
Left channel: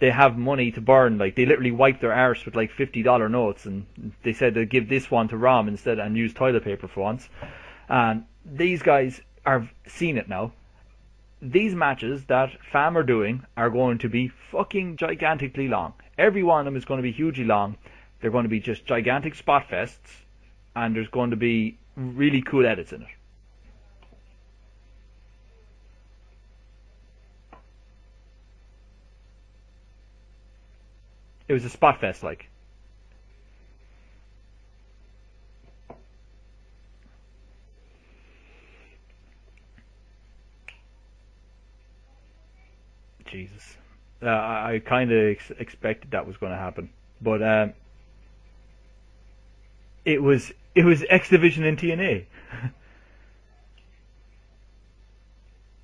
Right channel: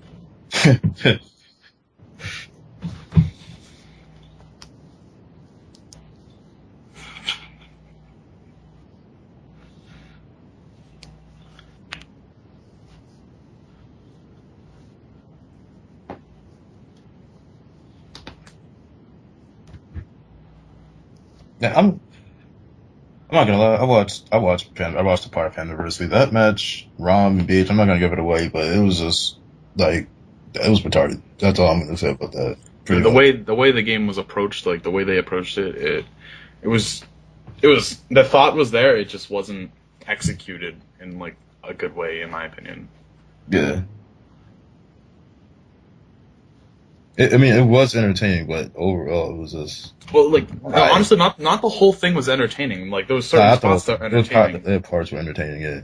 they have money to burn. Like, they literally wipe their arse with like $50 notes, and they said they'd give this one to Rom instead and use toilet paper for once. And these guys are seeing it now. These matches that Fam are doing are going to be fucking gigantically long. Every one of them is going to be hugely long. They're going to be just gigantic spot fests, and there's going to be really cool edits in it. I'm not gonna lie. I watched the part of Anniversary. That match, Rom and BH. I'm not gonna give it away, but it was just like it was retarded. That's all I'm gonna say about that. The way the game was approached, like the way they approached it was the thought was there. It just wasn't executed in like a good way, in my opinion. Jeez. Yeah. I kind of expected that was going to happen. It was entertaining, but overall, it was just. Honestly, not the whole thing was entertaining. Like, there was certain spots that were entertaining. The parts were entertaining, yeah.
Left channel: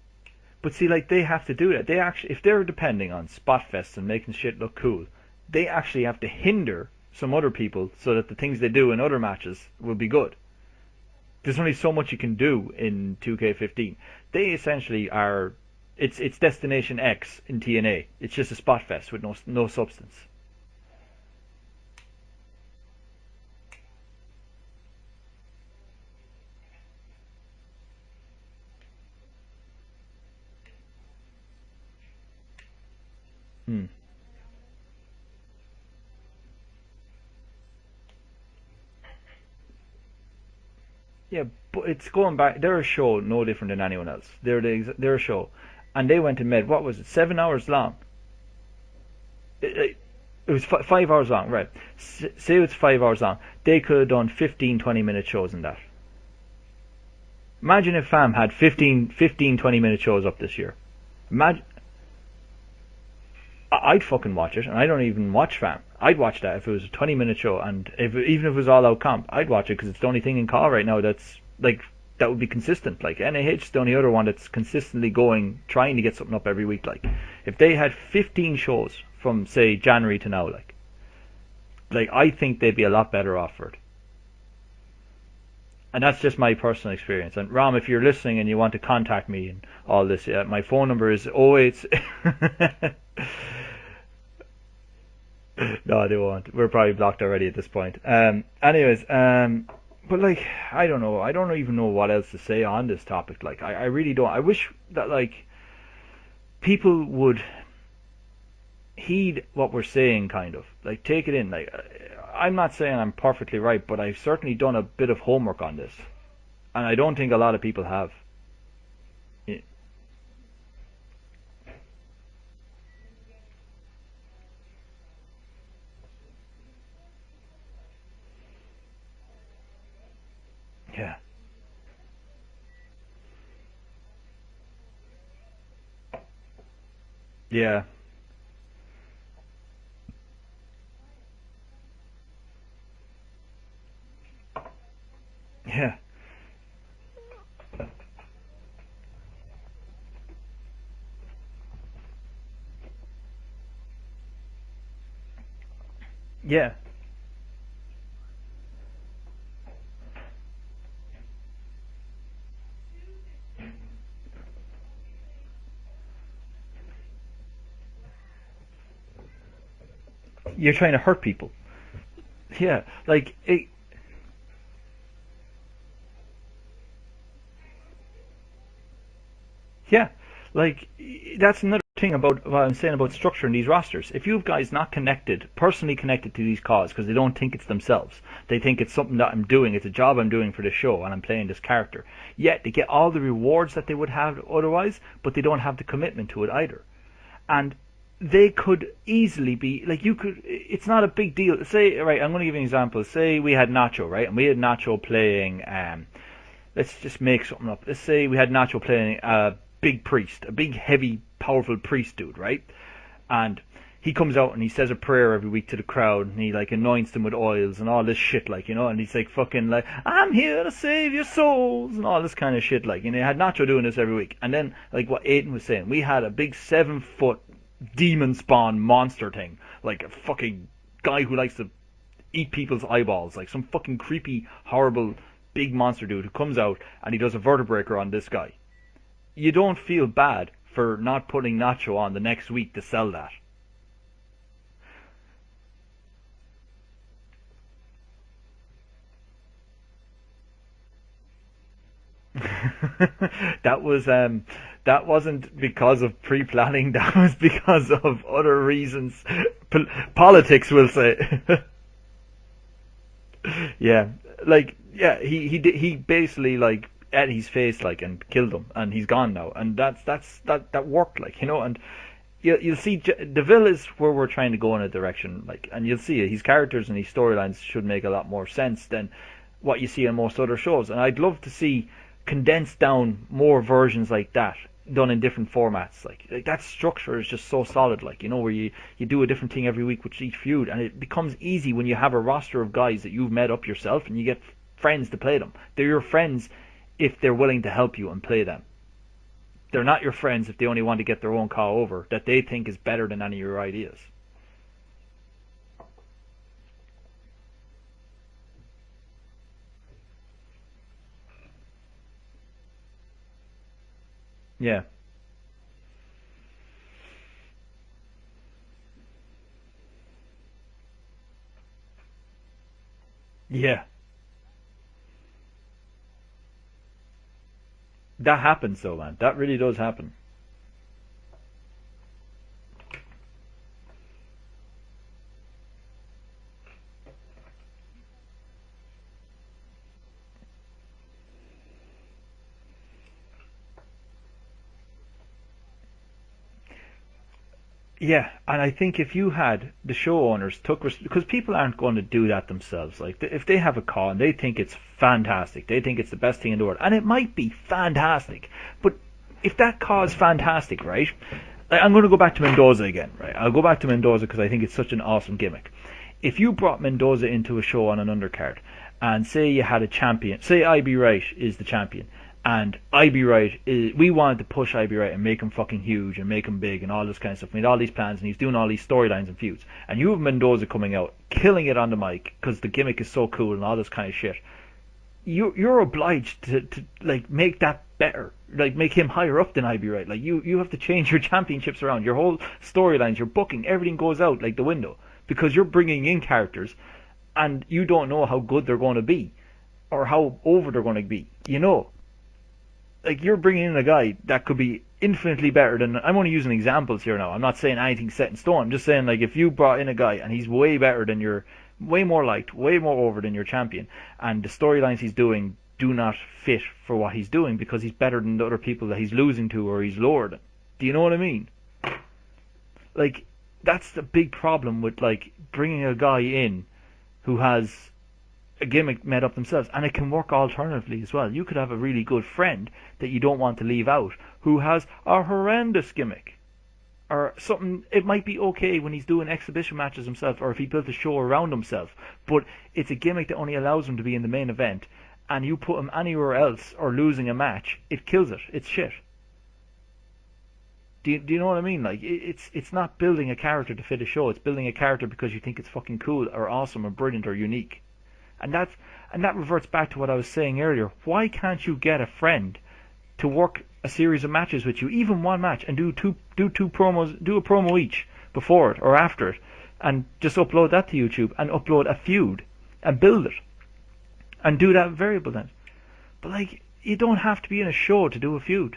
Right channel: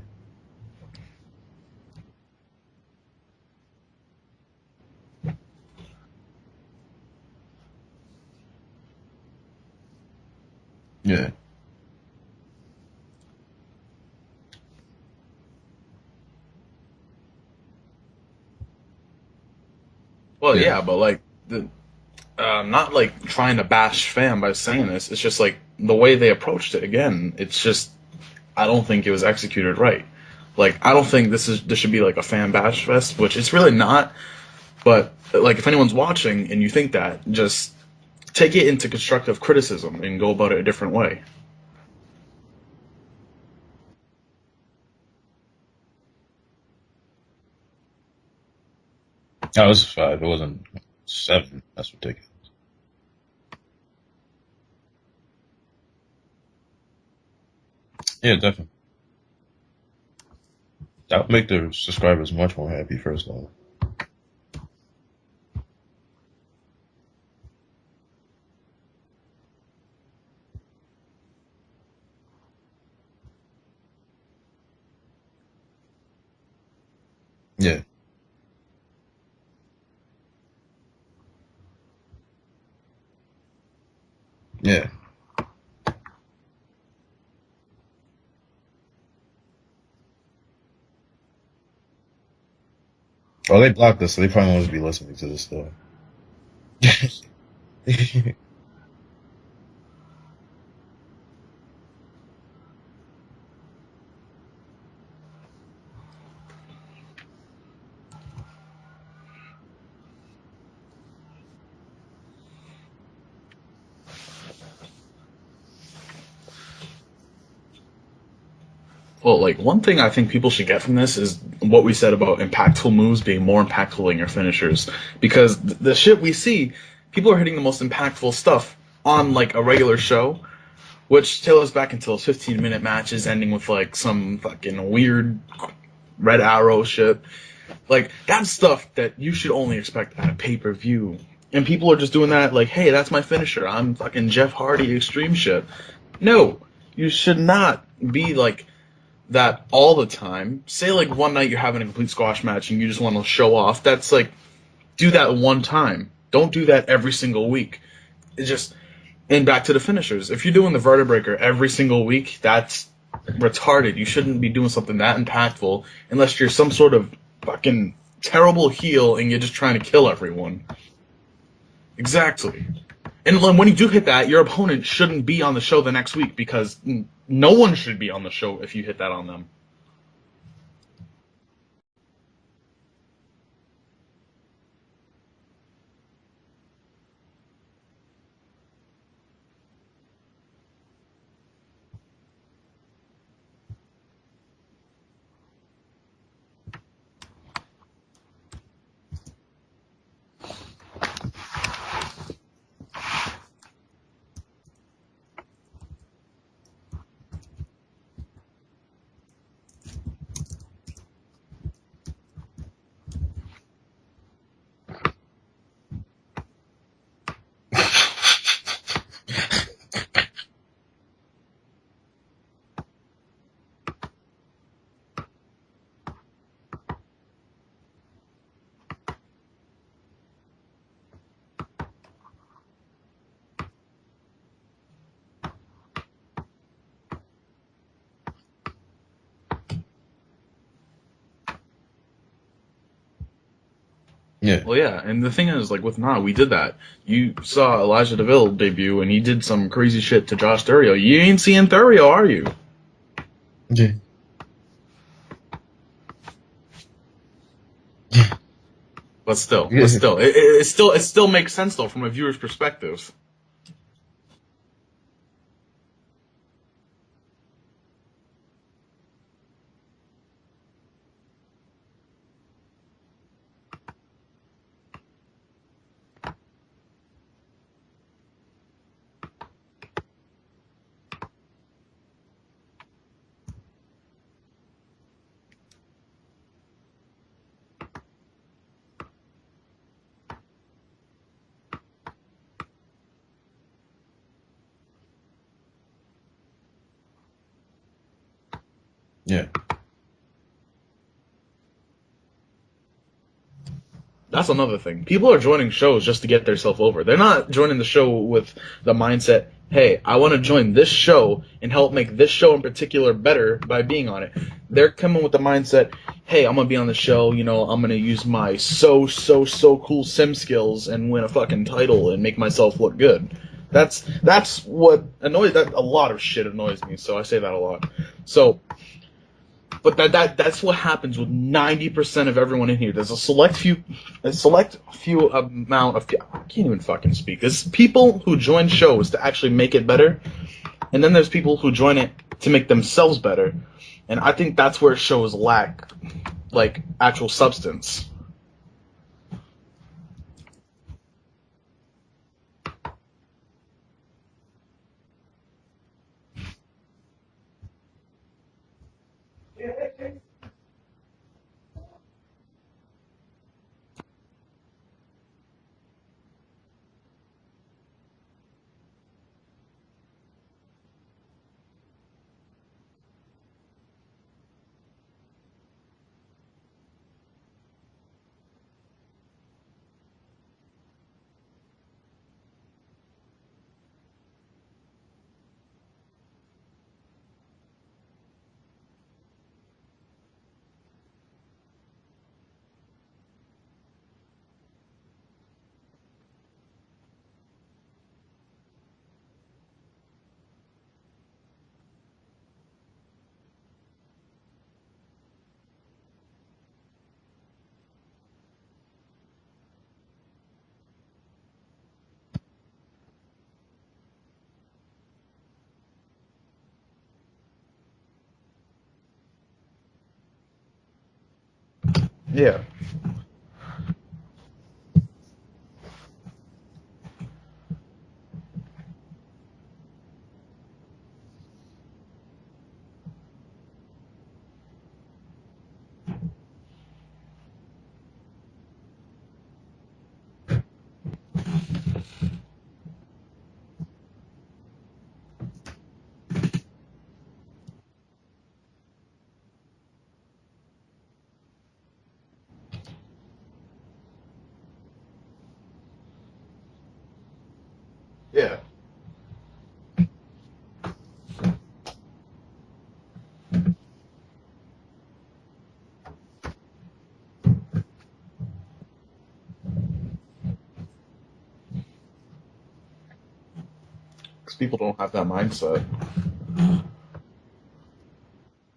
But see, like, they have to do that. They actually, if they're depending on spot fests and making shit look cool, they actually have to hinder some other people so that the things they do in other matches will be good. Yeah. There's only so much you can do in 2K15. They essentially are. It's Destination X in TNA. It's just a spot fest with no substance. Well, yeah, but like not like trying to bash Fam by saying this. It's just like the way they approached it. Again, it's just I don't think it was executed right. Like, I don't think this should be like a fan bash fest, which it's really not. But like, if anyone's watching and you think that, just take it into constructive criticism and go about it a different way. Yeah, but it's going back. They're a show no different than anyone else. They're a show. And they went and made, what was it, 7 hours long? No, it was 5. It wasn't. It was 5 hours long, right. That's ridiculous. Say it's 5 hours long. They could have done 15, 20-minute shows in that. Imagine if Fam had 15, 20-minute shows up this year. That would make their subscribers much more happy, first of all. I'd fucking watch it, and I don't even watch Fam. I'd watch that if it was a 20-minute show, and even if it was all-out comp, I'd watch it, because it's the only thing in CAW right now that's, like, that would be consistent. Like, NAH is the only other one that's consistently trying to get something up every week. Like, if they had 15 shows from, say, January to now, like I think they'd be a lot better off for it. Yeah. And that's just my personal experience. And Rom, if you're listening and you want to contact me and all this, my phone number is 08... Well, they blocked us, so they probably won't be listening to this stuff. No, they won't. We're probably blocked already at this point. Anyways, but like, I don't know. I don't even know what else to say on this topic. Like, I really don't. I wish that, like, people would heed what we're saying, kind of. Like, take it in. Like, I'm not saying I'm perfectly right, but I've certainly done a bit of homework on this. And I don't think a lot of people have. Well, like, one thing I think people should get from this is what we said about impactful moves being more impactful than your finishers. Because the shit we see, people are hitting the most impactful stuff on, like, a regular show, which tails back into those 15-minute matches ending with, like, some fucking weird red arrow shit. Yeah. Like, that's stuff that you should only expect at a pay-per-view. And people are just doing that, like, hey, that's my finisher. I'm fucking Jeff Hardy extreme shit. Yeah. No, you should not be, like, that all the time. Say, like, one night you're having a complete squash match and you just want to show off. That's, like, do that one time. Don't do that every single week. It's just... And back to the finishers. If you're doing the vertebraker every single week, that's retarded. You shouldn't be doing something that impactful unless you're some sort of fucking terrible heel and you're just trying to kill everyone. You're trying to hurt people. Exactly. Yeah, like, and when you do hit that, your opponent shouldn't be on the show the next week because no one should be on the show if you hit that on them. Yeah, like, that's another thing about what I'm saying about structure in these rosters. If you have guys not connected, personally connected to these causes because they don't think it's themselves, they think it's something that I'm doing, it's a job I'm doing for the show, and I'm playing this character. Yet they get all the rewards that they would have otherwise, but they don't have the commitment to it either. And they could easily be, like, it's not a big deal. Say, right, I'm going to give you an example. Say we had Nacho, right, and we had Nacho playing, let's just make something up. Let's say we had Nacho playing a big priest, a big, heavy, powerful priest dude, right? And he comes out and he says a prayer every week to the crowd, and he, like, anoints them with oils and all this shit, like, you know, and he's like fucking like, I'm here to save your souls, and all this kind of shit, like, and they had Nacho doing this every week. And then, like what Aiden was saying, we had a big 7-foot demon spawn monster thing, like a fucking guy who likes to eat people's eyeballs, like some fucking creepy, horrible, big monster dude who comes out and he does a vertebraker on this guy. You don't feel bad for not putting Nacho on the next week to sell that. Yeah. Well, yeah, and the thing is, like, with we did that. You saw Elijah DeVille debut, and he did some crazy shit to Josh Thurio. You ain't seeing Thurio, are you? That wasn't because of pre-planning. That was because of other reasons. But still, politics. It still makes sense though from a viewer's perspective. Yeah, like, yeah, he basically, like, at his face, like, and killed him, and he's gone now, and that worked, like, you know. And you'll see DeVille is where we're trying to go in a direction, like, and you'll see it. His characters and his storylines should make a lot more sense than what you see on most other shows, and I'd love to see condensed down more versions like that done in different formats. Like that structure is just so solid, like, you know, where you do a different thing every week with each feud, and it becomes easy when you have a roster of guys that you've met up yourself and you get friends to play them. They're your friends if they're willing to help you and play them. Yeah. They're not your friends if they only want to get their own cow over that they think is better than any of your ideas. That's another thing. People are joining shows just to get themselves over. They're not joining the show with the mindset, hey, I want to join this show and help make this show in particular better by being on it. Yeah. They're coming with the mindset, hey, I'm going to be on the show, you know, I'm going to use my so cool sim skills and win a fucking title and make myself look good. Yeah. That's what annoys, that a lot of shit annoys me, so I say that a lot. That happens though, man. That really does happen. But that's what happens with 90% of everyone in here. There's a select few amount of, I can't even fucking speak. There's people who join shows to actually make it better, and then there's people who join it to make themselves better. And I think that's where shows lack, like, actual substance. Yeah, and I think if you had the show owners because people aren't going to do that themselves. Like, if they have a call and they think it's fantastic, they think it's the best thing in the world, and it might be fantastic, but if that call is fantastic, right? Like, I'm going to go back to Mendoza again, right? I'll go back to Mendoza because I think it's such an awesome gimmick. If you brought Mendoza into a show on an undercard, and say you had a champion, say IB Wright is the champion, and IB Wright we wanted to push IB Wright and make him fucking huge and make him big and all this kind of stuff. We made all these plans and he's doing all these storylines and feuds. And you have Mendoza coming out, killing it on the mic because the gimmick is so cool and all this kind of shit. You're obliged to like make that better, like make him higher up than IB Wright. Like you have to change your championships around, your whole storylines, your booking, everything goes out like the window because you're bringing in characters and you don't know how good they're going to be or how over they're going to be, you know. Like, you're bringing in a guy that could be infinitely better than... I'm only using examples here now. I'm not saying anything set in stone. I'm just saying, like, if you brought in a guy and he's way better than your... way more liked, way more over than your champion, and the storylines he's doing do not fit for what he's doing because he's better than the other people that he's losing to or he's lower than. Do you know what I mean? Yeah. Like, that's the big problem with, like, bringing a guy in who has a gimmick made up themselves, and it can work alternatively as well. You could have a really good friend that you don't want to leave out who has a horrendous gimmick or something. It might be okay when he's doing exhibition matches himself or if he built a show around himself, but it's a gimmick that only allows him to be in the main event, and you put him anywhere else or losing a match, it kills it. It's shit. Do you know what I mean? Like, it's not building a character to fit a show. It's building a character because you think it's fucking cool or awesome or brilliant or unique. Yeah. And that reverts back to what I was saying earlier. Why can't you get a friend to work a series of matches with you, even one match, and do two promos, do a promo each before it or after it, and just upload that to YouTube and upload a feud and build it and do that very that mindset. But like, you don't have to be in a show to do a feud.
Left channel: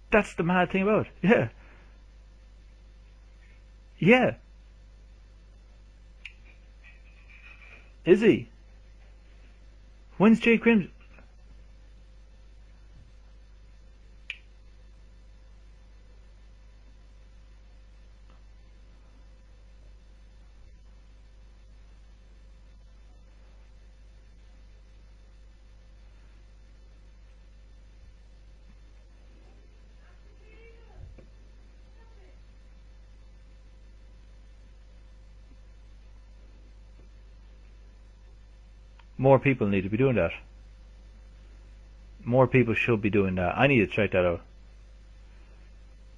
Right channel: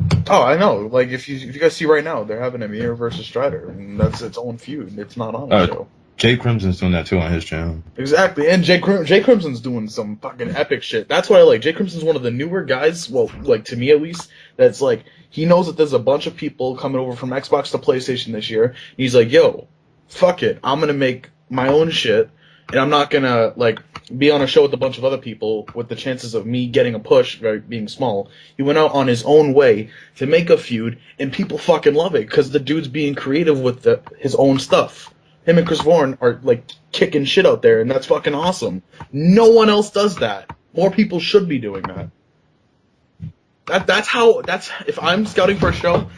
That's I know. Like if you guys see right now, they're having Amir versus Strider, and that's its own feud. It's not on the show. Jay Crimson's doing that too on his channel. Exactly, and Jay Crimson's doing some fucking epic shit. That's why I like Jay Crimson's one of the newer guys. Well, like to me at least, that's like he knows that there's a bunch of people coming over from Xbox to PlayStation this year. He's like, yo, fuck it, I'm gonna make my own shit, and I'm not gonna like be on a show with a bunch of other people with the chances of me getting a push being small. He went out on his own way to make a feud, and people fucking love it because the dude's being creative with his own stuff. Him and Chris Vaughan are like kicking shit out there, and that's fucking awesome. No one else does that. More people should be doing that. More people should be doing that. That's if I'm scouting for a show,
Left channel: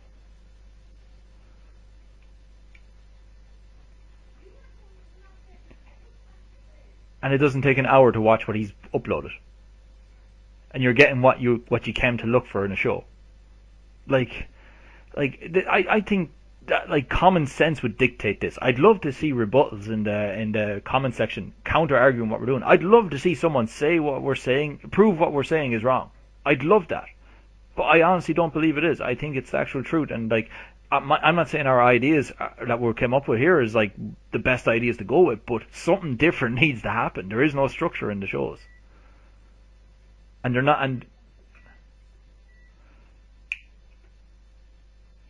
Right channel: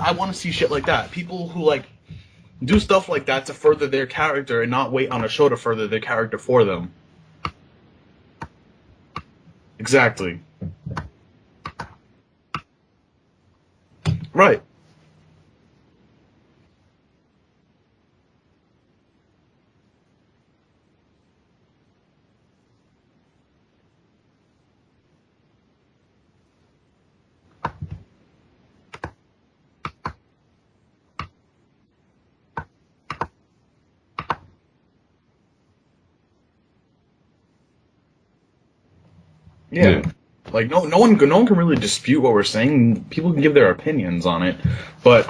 I want to see shit like that. People who like do stuff like that to further their character and not wait on a show to further their character for them. And it doesn't take an hour to watch what he's uploaded. Exactly. And you're getting what you came to look for in a show. Like right. Like I think that like common sense would dictate this. I'd love to see rebuttals in the comment section counter arguing what we're doing. I'd love to see someone say what we're saying, prove what we're saying is wrong. I'd love that. But I honestly don't believe it is. I think it's the actual truth. And like I'm not saying our ideas that we came up with here is like the best ideas to go with, but something different needs to happen. There is no structure in the shows. Yeah. And like no one can really dispute what we're saying. People can give their opinions on it, but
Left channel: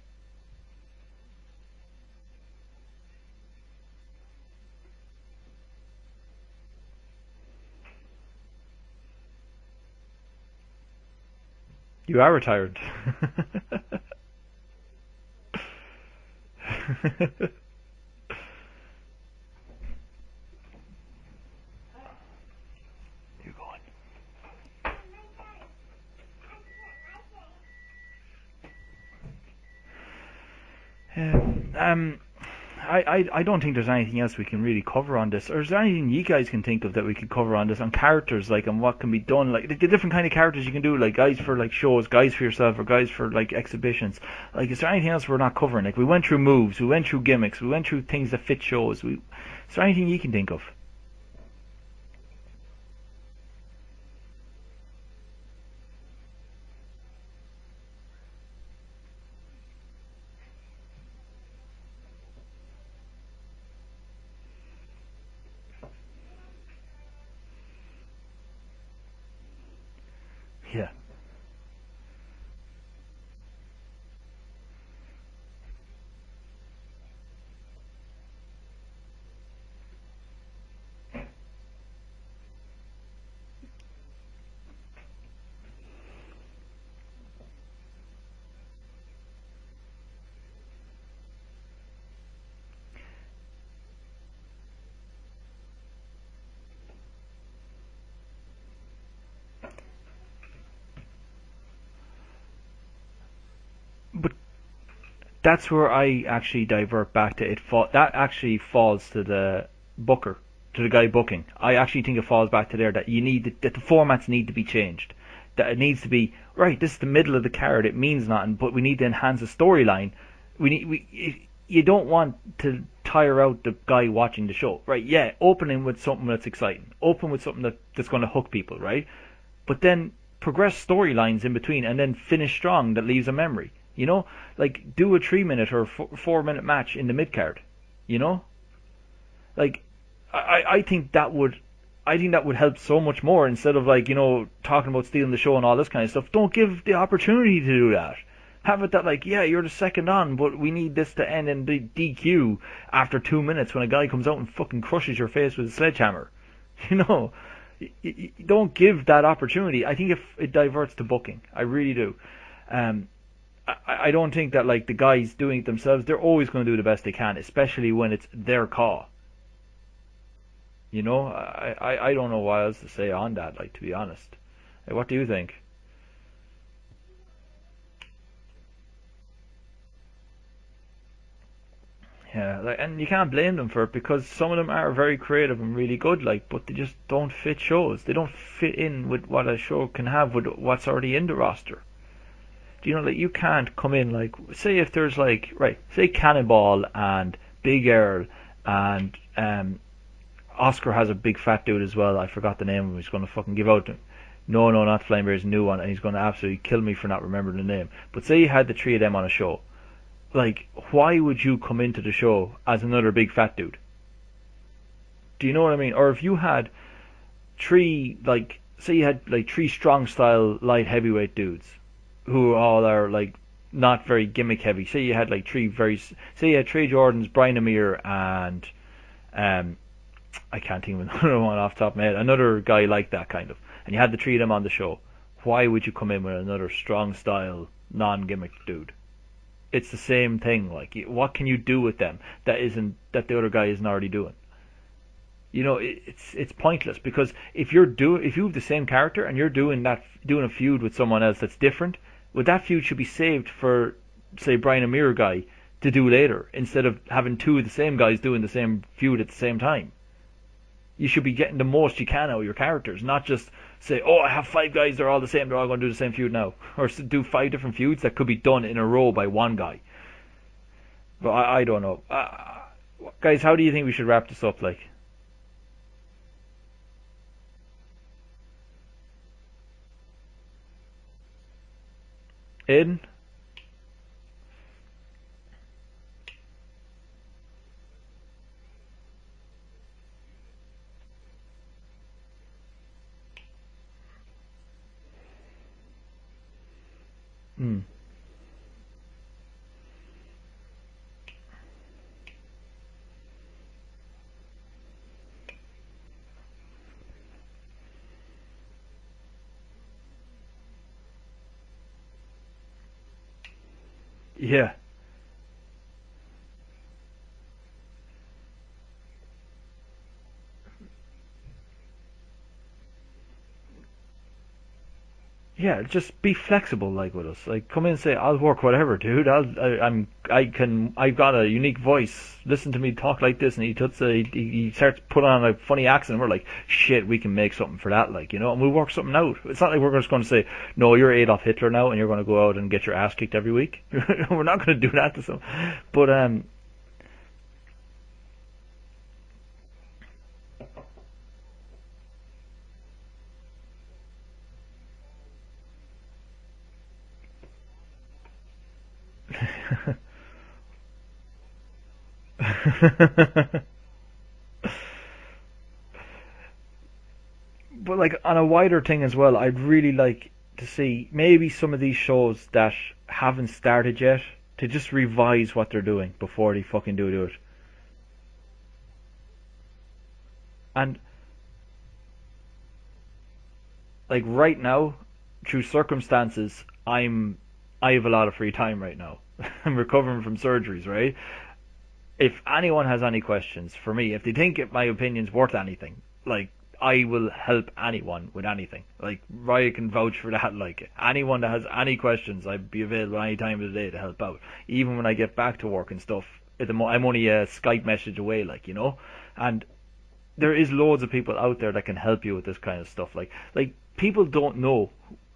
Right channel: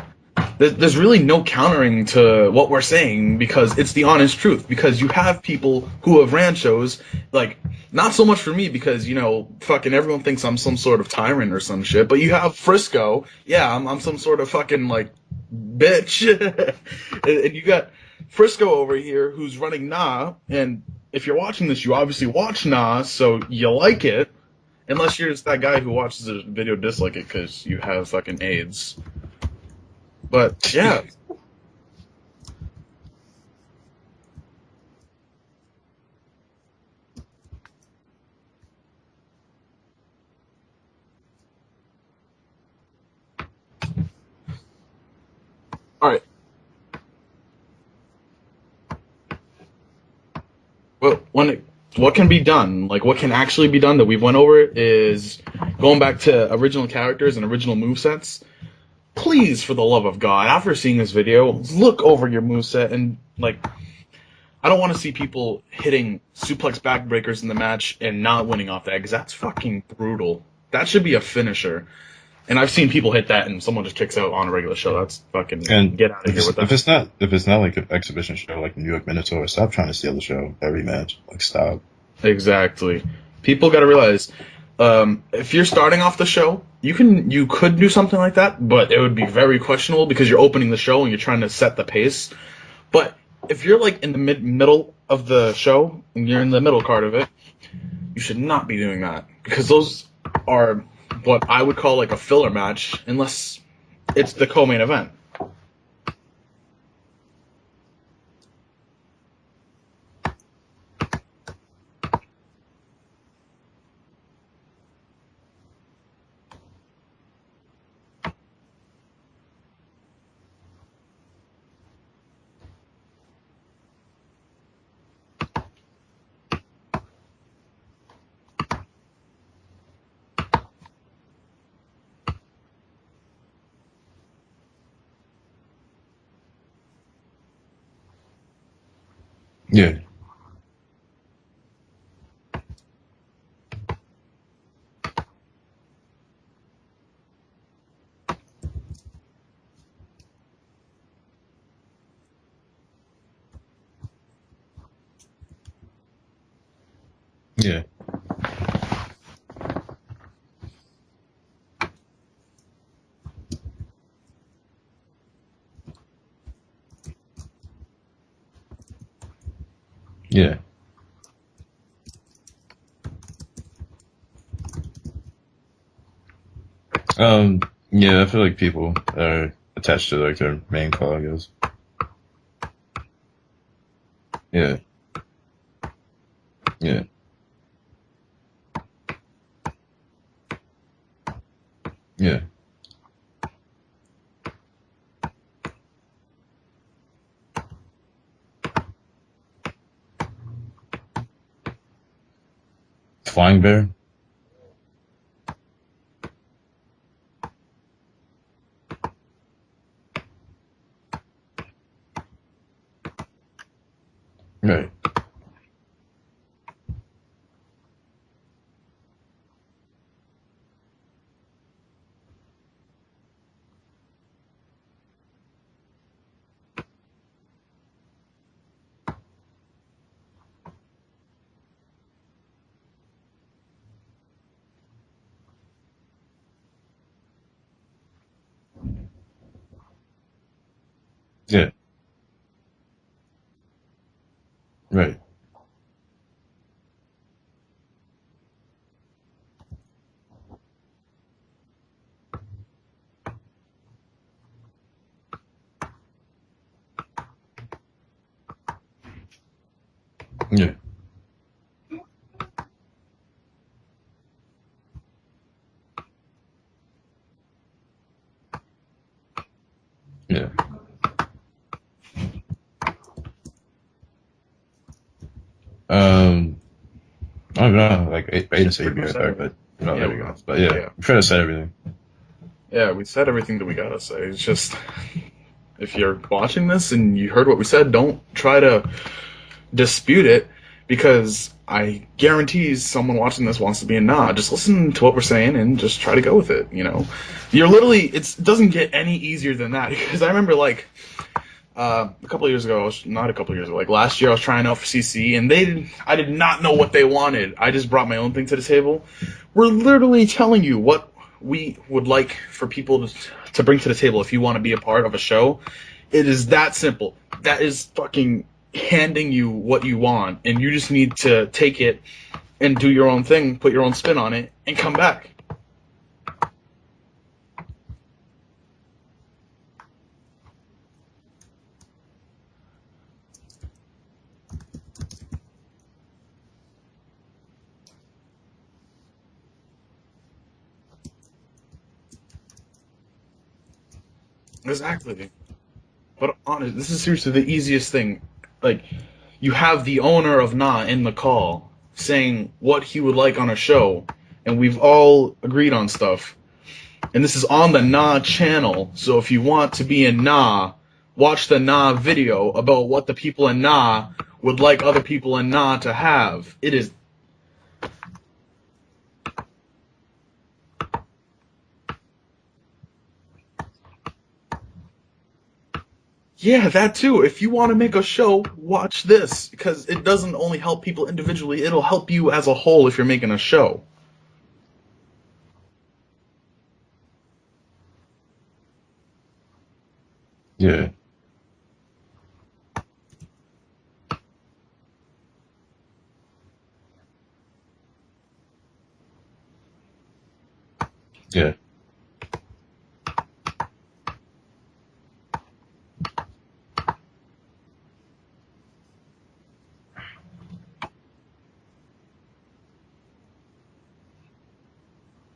there's really no countering to what we're saying because it's the honest truth. Because you have people who have ran shows, like, not so much for me because, you know, fucking everyone thinks I'm some sort of tyrant or some shit. But you have Frisco. Yeah, I'm some sort of fucking, like, bitch. And you got Frisco over here who's running Nah. And if you're watching this, you obviously watch Nah, so you like it. Unless you're just that guy who watches the video dislike it because you have fucking AIDS. But yeah, I don't think there's anything else we can really cover on this. Or is there anything you guys can think of that we could cover on this on characters, like, and what can be done, like the different kind of characters you can do, like guys for like shows, guys for yourself, or guys for like exhibitions. Like, is there anything else we're not covering? Like, we went through moves, we went through gimmicks, we went through things that fit shows. Is there anything you can think of? Well, what can be done, like what can actually be done that we went over is going back to original characters and original movesets. Please, for the love of God, after seeing this video, look over your moveset and, like, I don't want to see people hitting suplex backbreakers in the match and not winning off that, because that's fucking brutal. That should be a finisher. And I've seen people hit that and someone just kicks out on a regular show. That's fucking, get out of here with that. If it's not like an exhibition show like New York Minotaur, stop trying to steal the show every match. Like, stop. Exactly. People gotta realize, if you're starting off the show, you could do something like that, but it would be very questionable because you're opening the show and you're trying to set the pace. But if you're like in the middle of the show and you're in the middle card of it, you should not be doing that because those are what I would call like a filler match unless it's the co-main event. That's where I actually divert back to it. That actually falls to the booker, to the guy booking. I actually think it falls back to there that that the formats need to be changed. That it needs to be right. This is the middle of the card. It means nothing, but we need to enhance the storyline. You don't want to tire out the guy watching the show, right? Yeah, opening with something that's exciting. Open with something that's going to hook people, right? But then progress storylines in between, and then finish strong that leaves a memory. You know, like do a 3-minute or 4-minute match in the mid card. You know, like yeah. I think that would help so much more instead of like, you know, talking about stealing the show and all this kind of stuff. Don't give the opportunity to do that. Have it that like, yeah, you're the second on, but we need this to end in the DQ after 2 minutes when a guy comes out and fucking crushes your face with a sledgehammer. You know, yeah. You don't give that opportunity. I think if it diverts to booking, I really do. I don't think that like the guys doing it themselves, they're always going to do the best they can, especially when it's their call. Yeah. You know, I don't know what else to say on that, like, to be honest. Like, what do you think? Yeah, I feel like people are attached to, like, their main call, I guess. Yeah, like, and you can't blame them for it because some of them are very creative and really good, like, but they just don't fit shows. They don't fit in with what a show can have with what's already in the roster. Yeah. Do you know, like, you can't come in, like, say if there's, like, right, say Cannonball and Big Earl and Oscar has a big fat dude as well. I forgot the name of him. He's going to Flying Bear? No, not Flying Bear is a new one, and he's going to absolutely kill me for not remembering the name. But say you had the three of them on a show. Like, why would you come into the show as another big fat dude? Right. Do you know what I mean? Or if you had three, like, say you had, like, three strong style light heavyweight dudes who all are, like, not very gimmick heavy. Say you had, like, say you had Trey Jordans, Brian Amir, and, I can't think of another one off the top of my head. Another guy like that, kind of. And you had the three of them on the show. Why would you come in with another strong style, non-gimmick dude? It's the same thing. Like, what can you do with them that the other guy isn't already doing? Right. You know, it's pointless because if you have the same character and you're doing a feud with someone else that's different, but that feud should be saved for, say, Brian Amir guy to do later instead of having two of the same guys doing the same feud at the same time. Yeah. You should be getting the most you can out of your characters, not just say, oh, I have five guys, they're all the same, they're all going to do the same feud now. Or do five different feuds that could be done in a row by one guy. Yeah. But I don't know. Guys, how do you think we should wrap this up, like? I don't know, like, Aiden said he'd be right back, but, there we go. But yeah, we try to say everything. Yeah, we said everything that we gotta say. It's just, if you're watching this and you heard what we said, don't try to dispute it, because I guarantee someone watching this wants to be a nah. Just listen to what we're saying and just try to go with it, you know? You're literally, it doesn't get any easier than that, because I remember, like, a couple of years ago, not a couple of years ago, like last year I was trying out for CC, and I did not know what they wanted. I just brought my own thing to the table. We're literally telling you what we would like for people to bring to the table if you want to be a part of a show. It is that simple. That is fucking handing you what you want, and you just need to take it and do your own thing, put your own spin on it, and come back. Yeah, just be flexible, like, with us. Like, come in and say, I'll work whatever, dude. I've got a unique voice. Listen to me talk like this, and he starts putting on a funny accent, and we're like, shit, we can make something for that, like, you know, and we'll work something out. It's not like we're just going to say, no, you're Adolf Hitler now, and you're going to go out and get your ass kicked every week. We're not going to do that to them. But honest, this is seriously the easiest thing. Like, you have the owner of Nah in the call saying what he would like on a show, and we've all agreed on stuff. And this is on the Nah channel, so if you want to be in Nah, watch the Nah video about what the people in Nah would like other people in Nah to have. It is... But, like, on a wider thing as well, I'd really like to see maybe some of these shows that haven't started yet to just revise what they're doing before. Yeah, that too. If you want to make a show, watch this, because it doesn't only help people individually, it'll help you as a whole if you're making a show. Like, right now, through circumstances, I have a lot of free time right now. I'm recovering from surgery, right? If anyone has any questions for me, if they think my opinion's worth anything, like, I will help anyone with anything. Like, Ryan can vouch for that. Like, anyone that has any questions, I'd be available any time of the day to help out. Even when I get back to work and stuff, I'm only a Skype message away, like, you know? And there is loads of people out there that can help you with this kind of stuff. Like people don't know,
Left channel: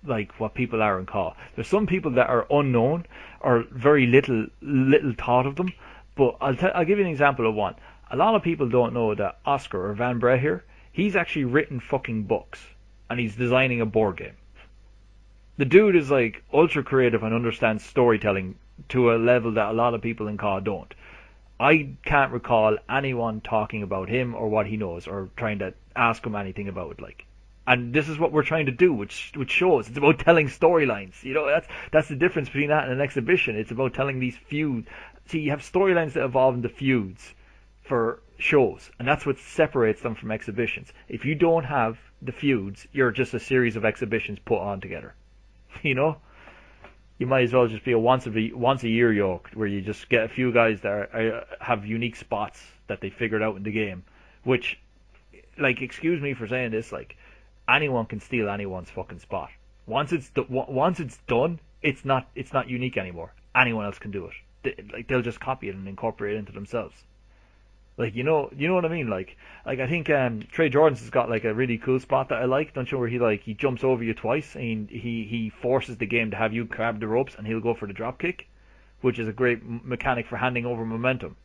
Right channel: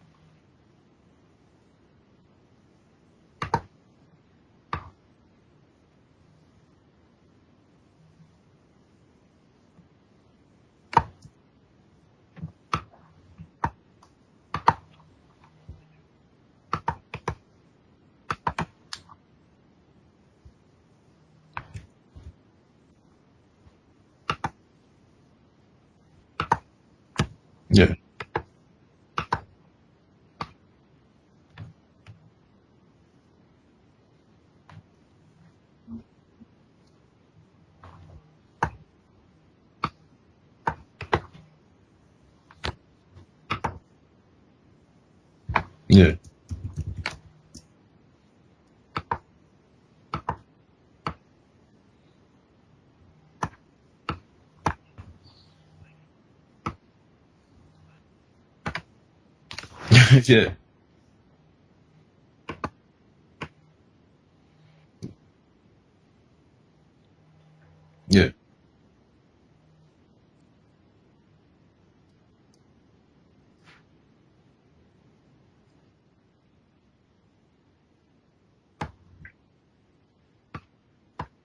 like, what people are in CAW. There's some people that are unknown or very little thought of them. But I'll give you an example of one. A lot of people don't know that Oscar, or Van Brett here, he's actually written fucking books, and he's designing a board game. The dude is, like, ultra creative and understands storytelling to a level that a lot of people in CAW don't. I can't recall anyone talking about him or what he knows or trying to ask him anything about it, like. And this is what we're trying to do with shows. It's about telling storylines. You know, that's the difference between that and an exhibition. It's about telling these feuds. See, you have storylines that evolve into feuds for shows, and that's what separates them from exhibitions. If you don't have the feuds, you're just a series of exhibitions put on together. You know, you might as well just be a once a year yoke where you just get a few guys that have unique spots that they figured out in the game. Which, like, excuse me for saying this, like, anyone can steal anyone's fucking spot. Once it's done, it's not unique anymore. Anyone else can do it. they'll just copy it and incorporate it into themselves. Like Yeah. you know what I mean? Like I think Trey Jordan's has got like a really cool spot that I like. Don't you know where he jumps over you twice and he forces the game to have you grab the ropes and he'll go for the drop kick, which is a great mechanic for handing over momentum.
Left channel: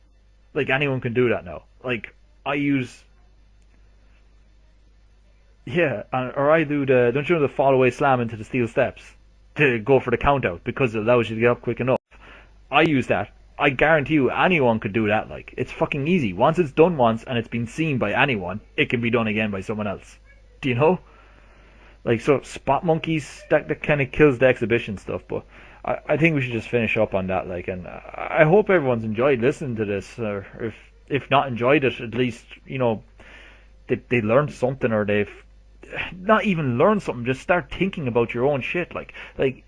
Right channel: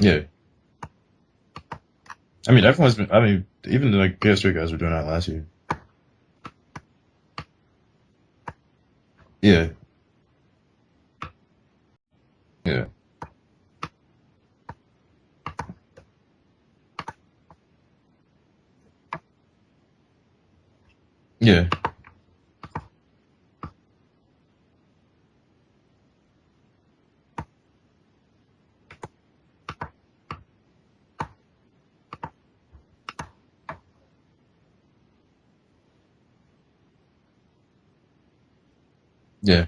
Yeah. Like anyone can do that now. Like I mean, everyone's been. I mean, even like PS3 guys were doing that last year. yeah, or I do don't you know the fall away slam into the steel steps? Yeah. To go for the count out because it allows you to get up quick enough. Yeah. I use that. I guarantee you anyone could do that. Like it's fucking easy. Once it's done once and it's been seen by anyone, it can be done again by someone else. Do you know? Yeah. Like so spot monkeys that kind of kills the exhibition stuff, but I think we should just finish up on that. Like, and I hope everyone's enjoyed listening to this, or if not enjoyed it, at least they learned something, or they've not even learned something. Just start thinking about your own shit. Yeah.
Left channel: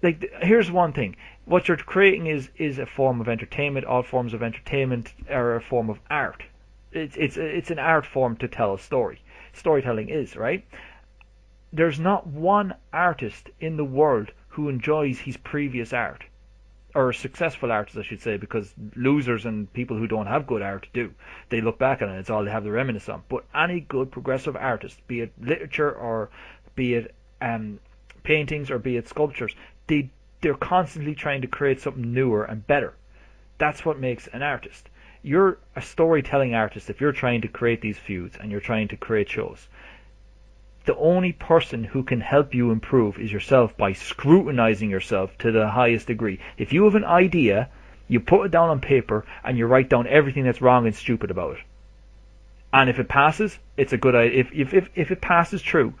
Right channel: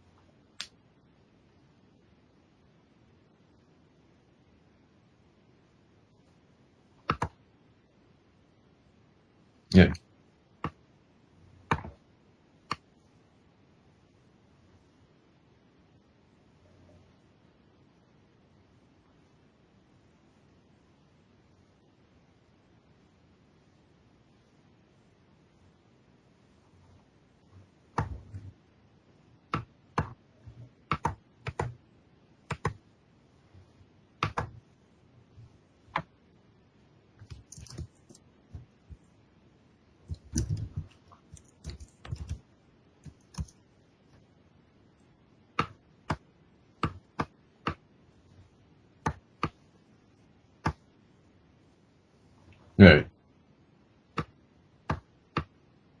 Like here's one thing: what you're creating is a form of entertainment. All forms of entertainment are a form of art. It's an art form to tell a story. Storytelling is, right? There's not one artist in the world who enjoys his previous art, or successful artists, I should say, because losers and people who don't have good art do. They look back on it; it's all they have to reminisce on. But any good progressive artist, be it literature or be it paintings or be it sculptures, they're constantly trying to create something newer and better. That's what makes an artist. You're a storytelling artist if you're trying to create these feuds and you're trying to create shows. The only person who can help you improve is yourself by scrutinizing yourself to the highest degree. If you have an idea, you put it down on paper and you write down everything that's wrong and stupid about it. And if it passes, it's a good idea. If it passes true,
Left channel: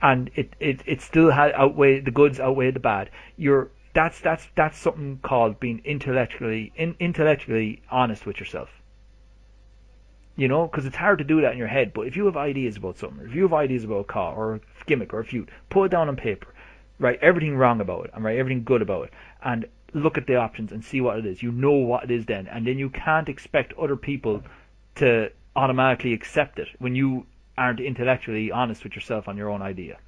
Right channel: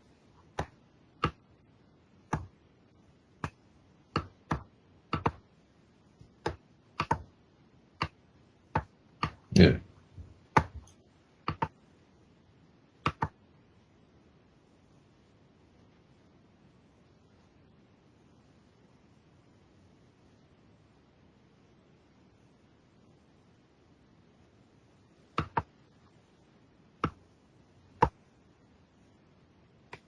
and it still the goods outweigh the bad, that's something called being intellectually honest with yourself. Yeah. You know, because it's hard to do that in your head. But if you have ideas about something, if you have ideas about a car or a gimmick or a feud, put it down on paper. Write everything wrong about it and write everything good about it. And look at the options and see what it is. You know what it is then. And then you can't expect other people to automatically accept it when you aren't intellectually honest with yourself on your own idea.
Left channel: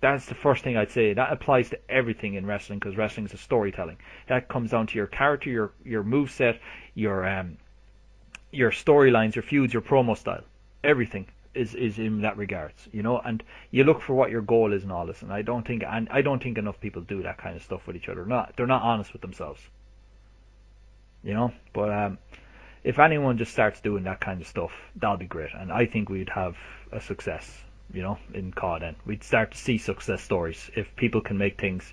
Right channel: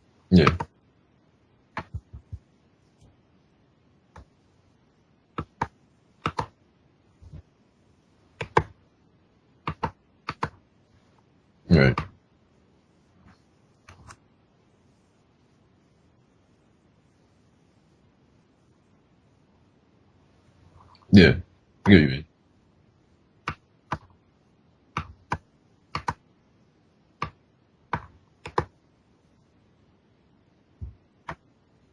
That's the first thing I'd say. That applies to everything in wrestling, because wrestling is a storytelling. That comes down to your character, your moveset, your storylines, your feuds, your promo style. Everything is in that regards, you know. And you look for what your goal is and all this. And I don't think enough people do that kind of stuff with each other. They're not honest with themselves. Yeah. You know. But if anyone just starts doing that kind of stuff, that'll be great. And I think we'd have a success, you know, in COD. Then we'd start to see success stories if people can make things,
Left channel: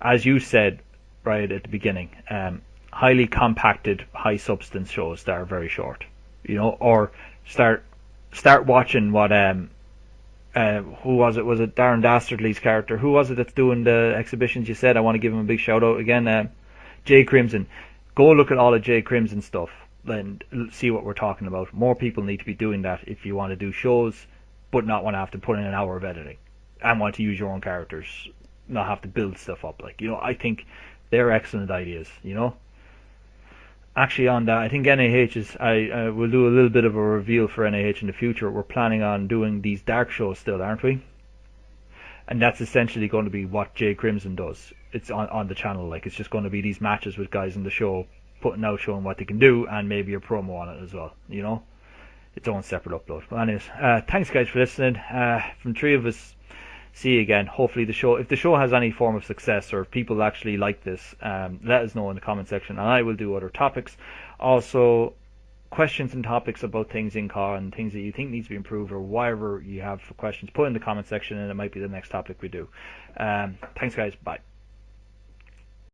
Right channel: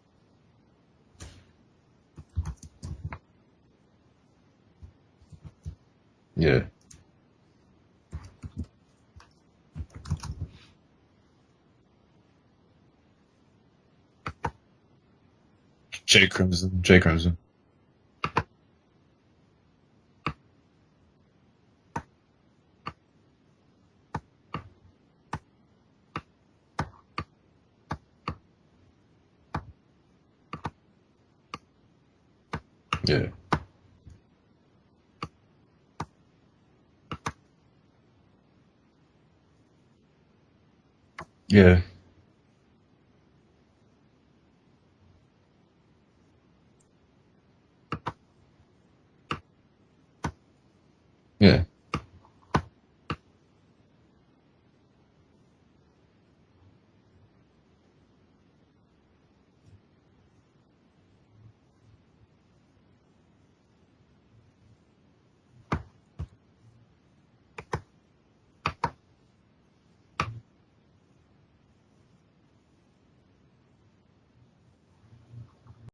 as you said right at the beginning, highly compacted, high substance shows that are very short. Yeah. You know, or start watching what who was it? Was it Darren Dastardly's character? Who was it that's doing the exhibitions? You said I want to give him a big shout out again. Jay Crimson. Go look at all of Jay Crimson stuff and see what we're talking about. More people need to be doing that if you want to do shows, but not want to have to put in an hour of editing and want to use your own characters, not have to build stuff up. Like, you know, I think they're excellent ideas, you know. Yeah. Actually, on that, I think NAH is. I will do a little bit of a reveal for NAH in the future. We're planning on doing these dark shows still, aren't we? Yeah. And that's essentially going to be what Jay Crimson does. It's on the channel. Like, it's just going to be these matches with guys in the show, putting out, showing what they can do, and maybe a promo on it as well. You know, its own separate upload. But anyways, thanks guys for listening. From three of us, see you again. Hopefully if the show has any form of success, or if people actually like this, let us know in the comment section, and I will do other topics. Also, questions and topics about things in car and things that you think needs to be improved, or whatever you have for questions, put in the comment section, and it might be the next topic we do. Thanks guys, bye.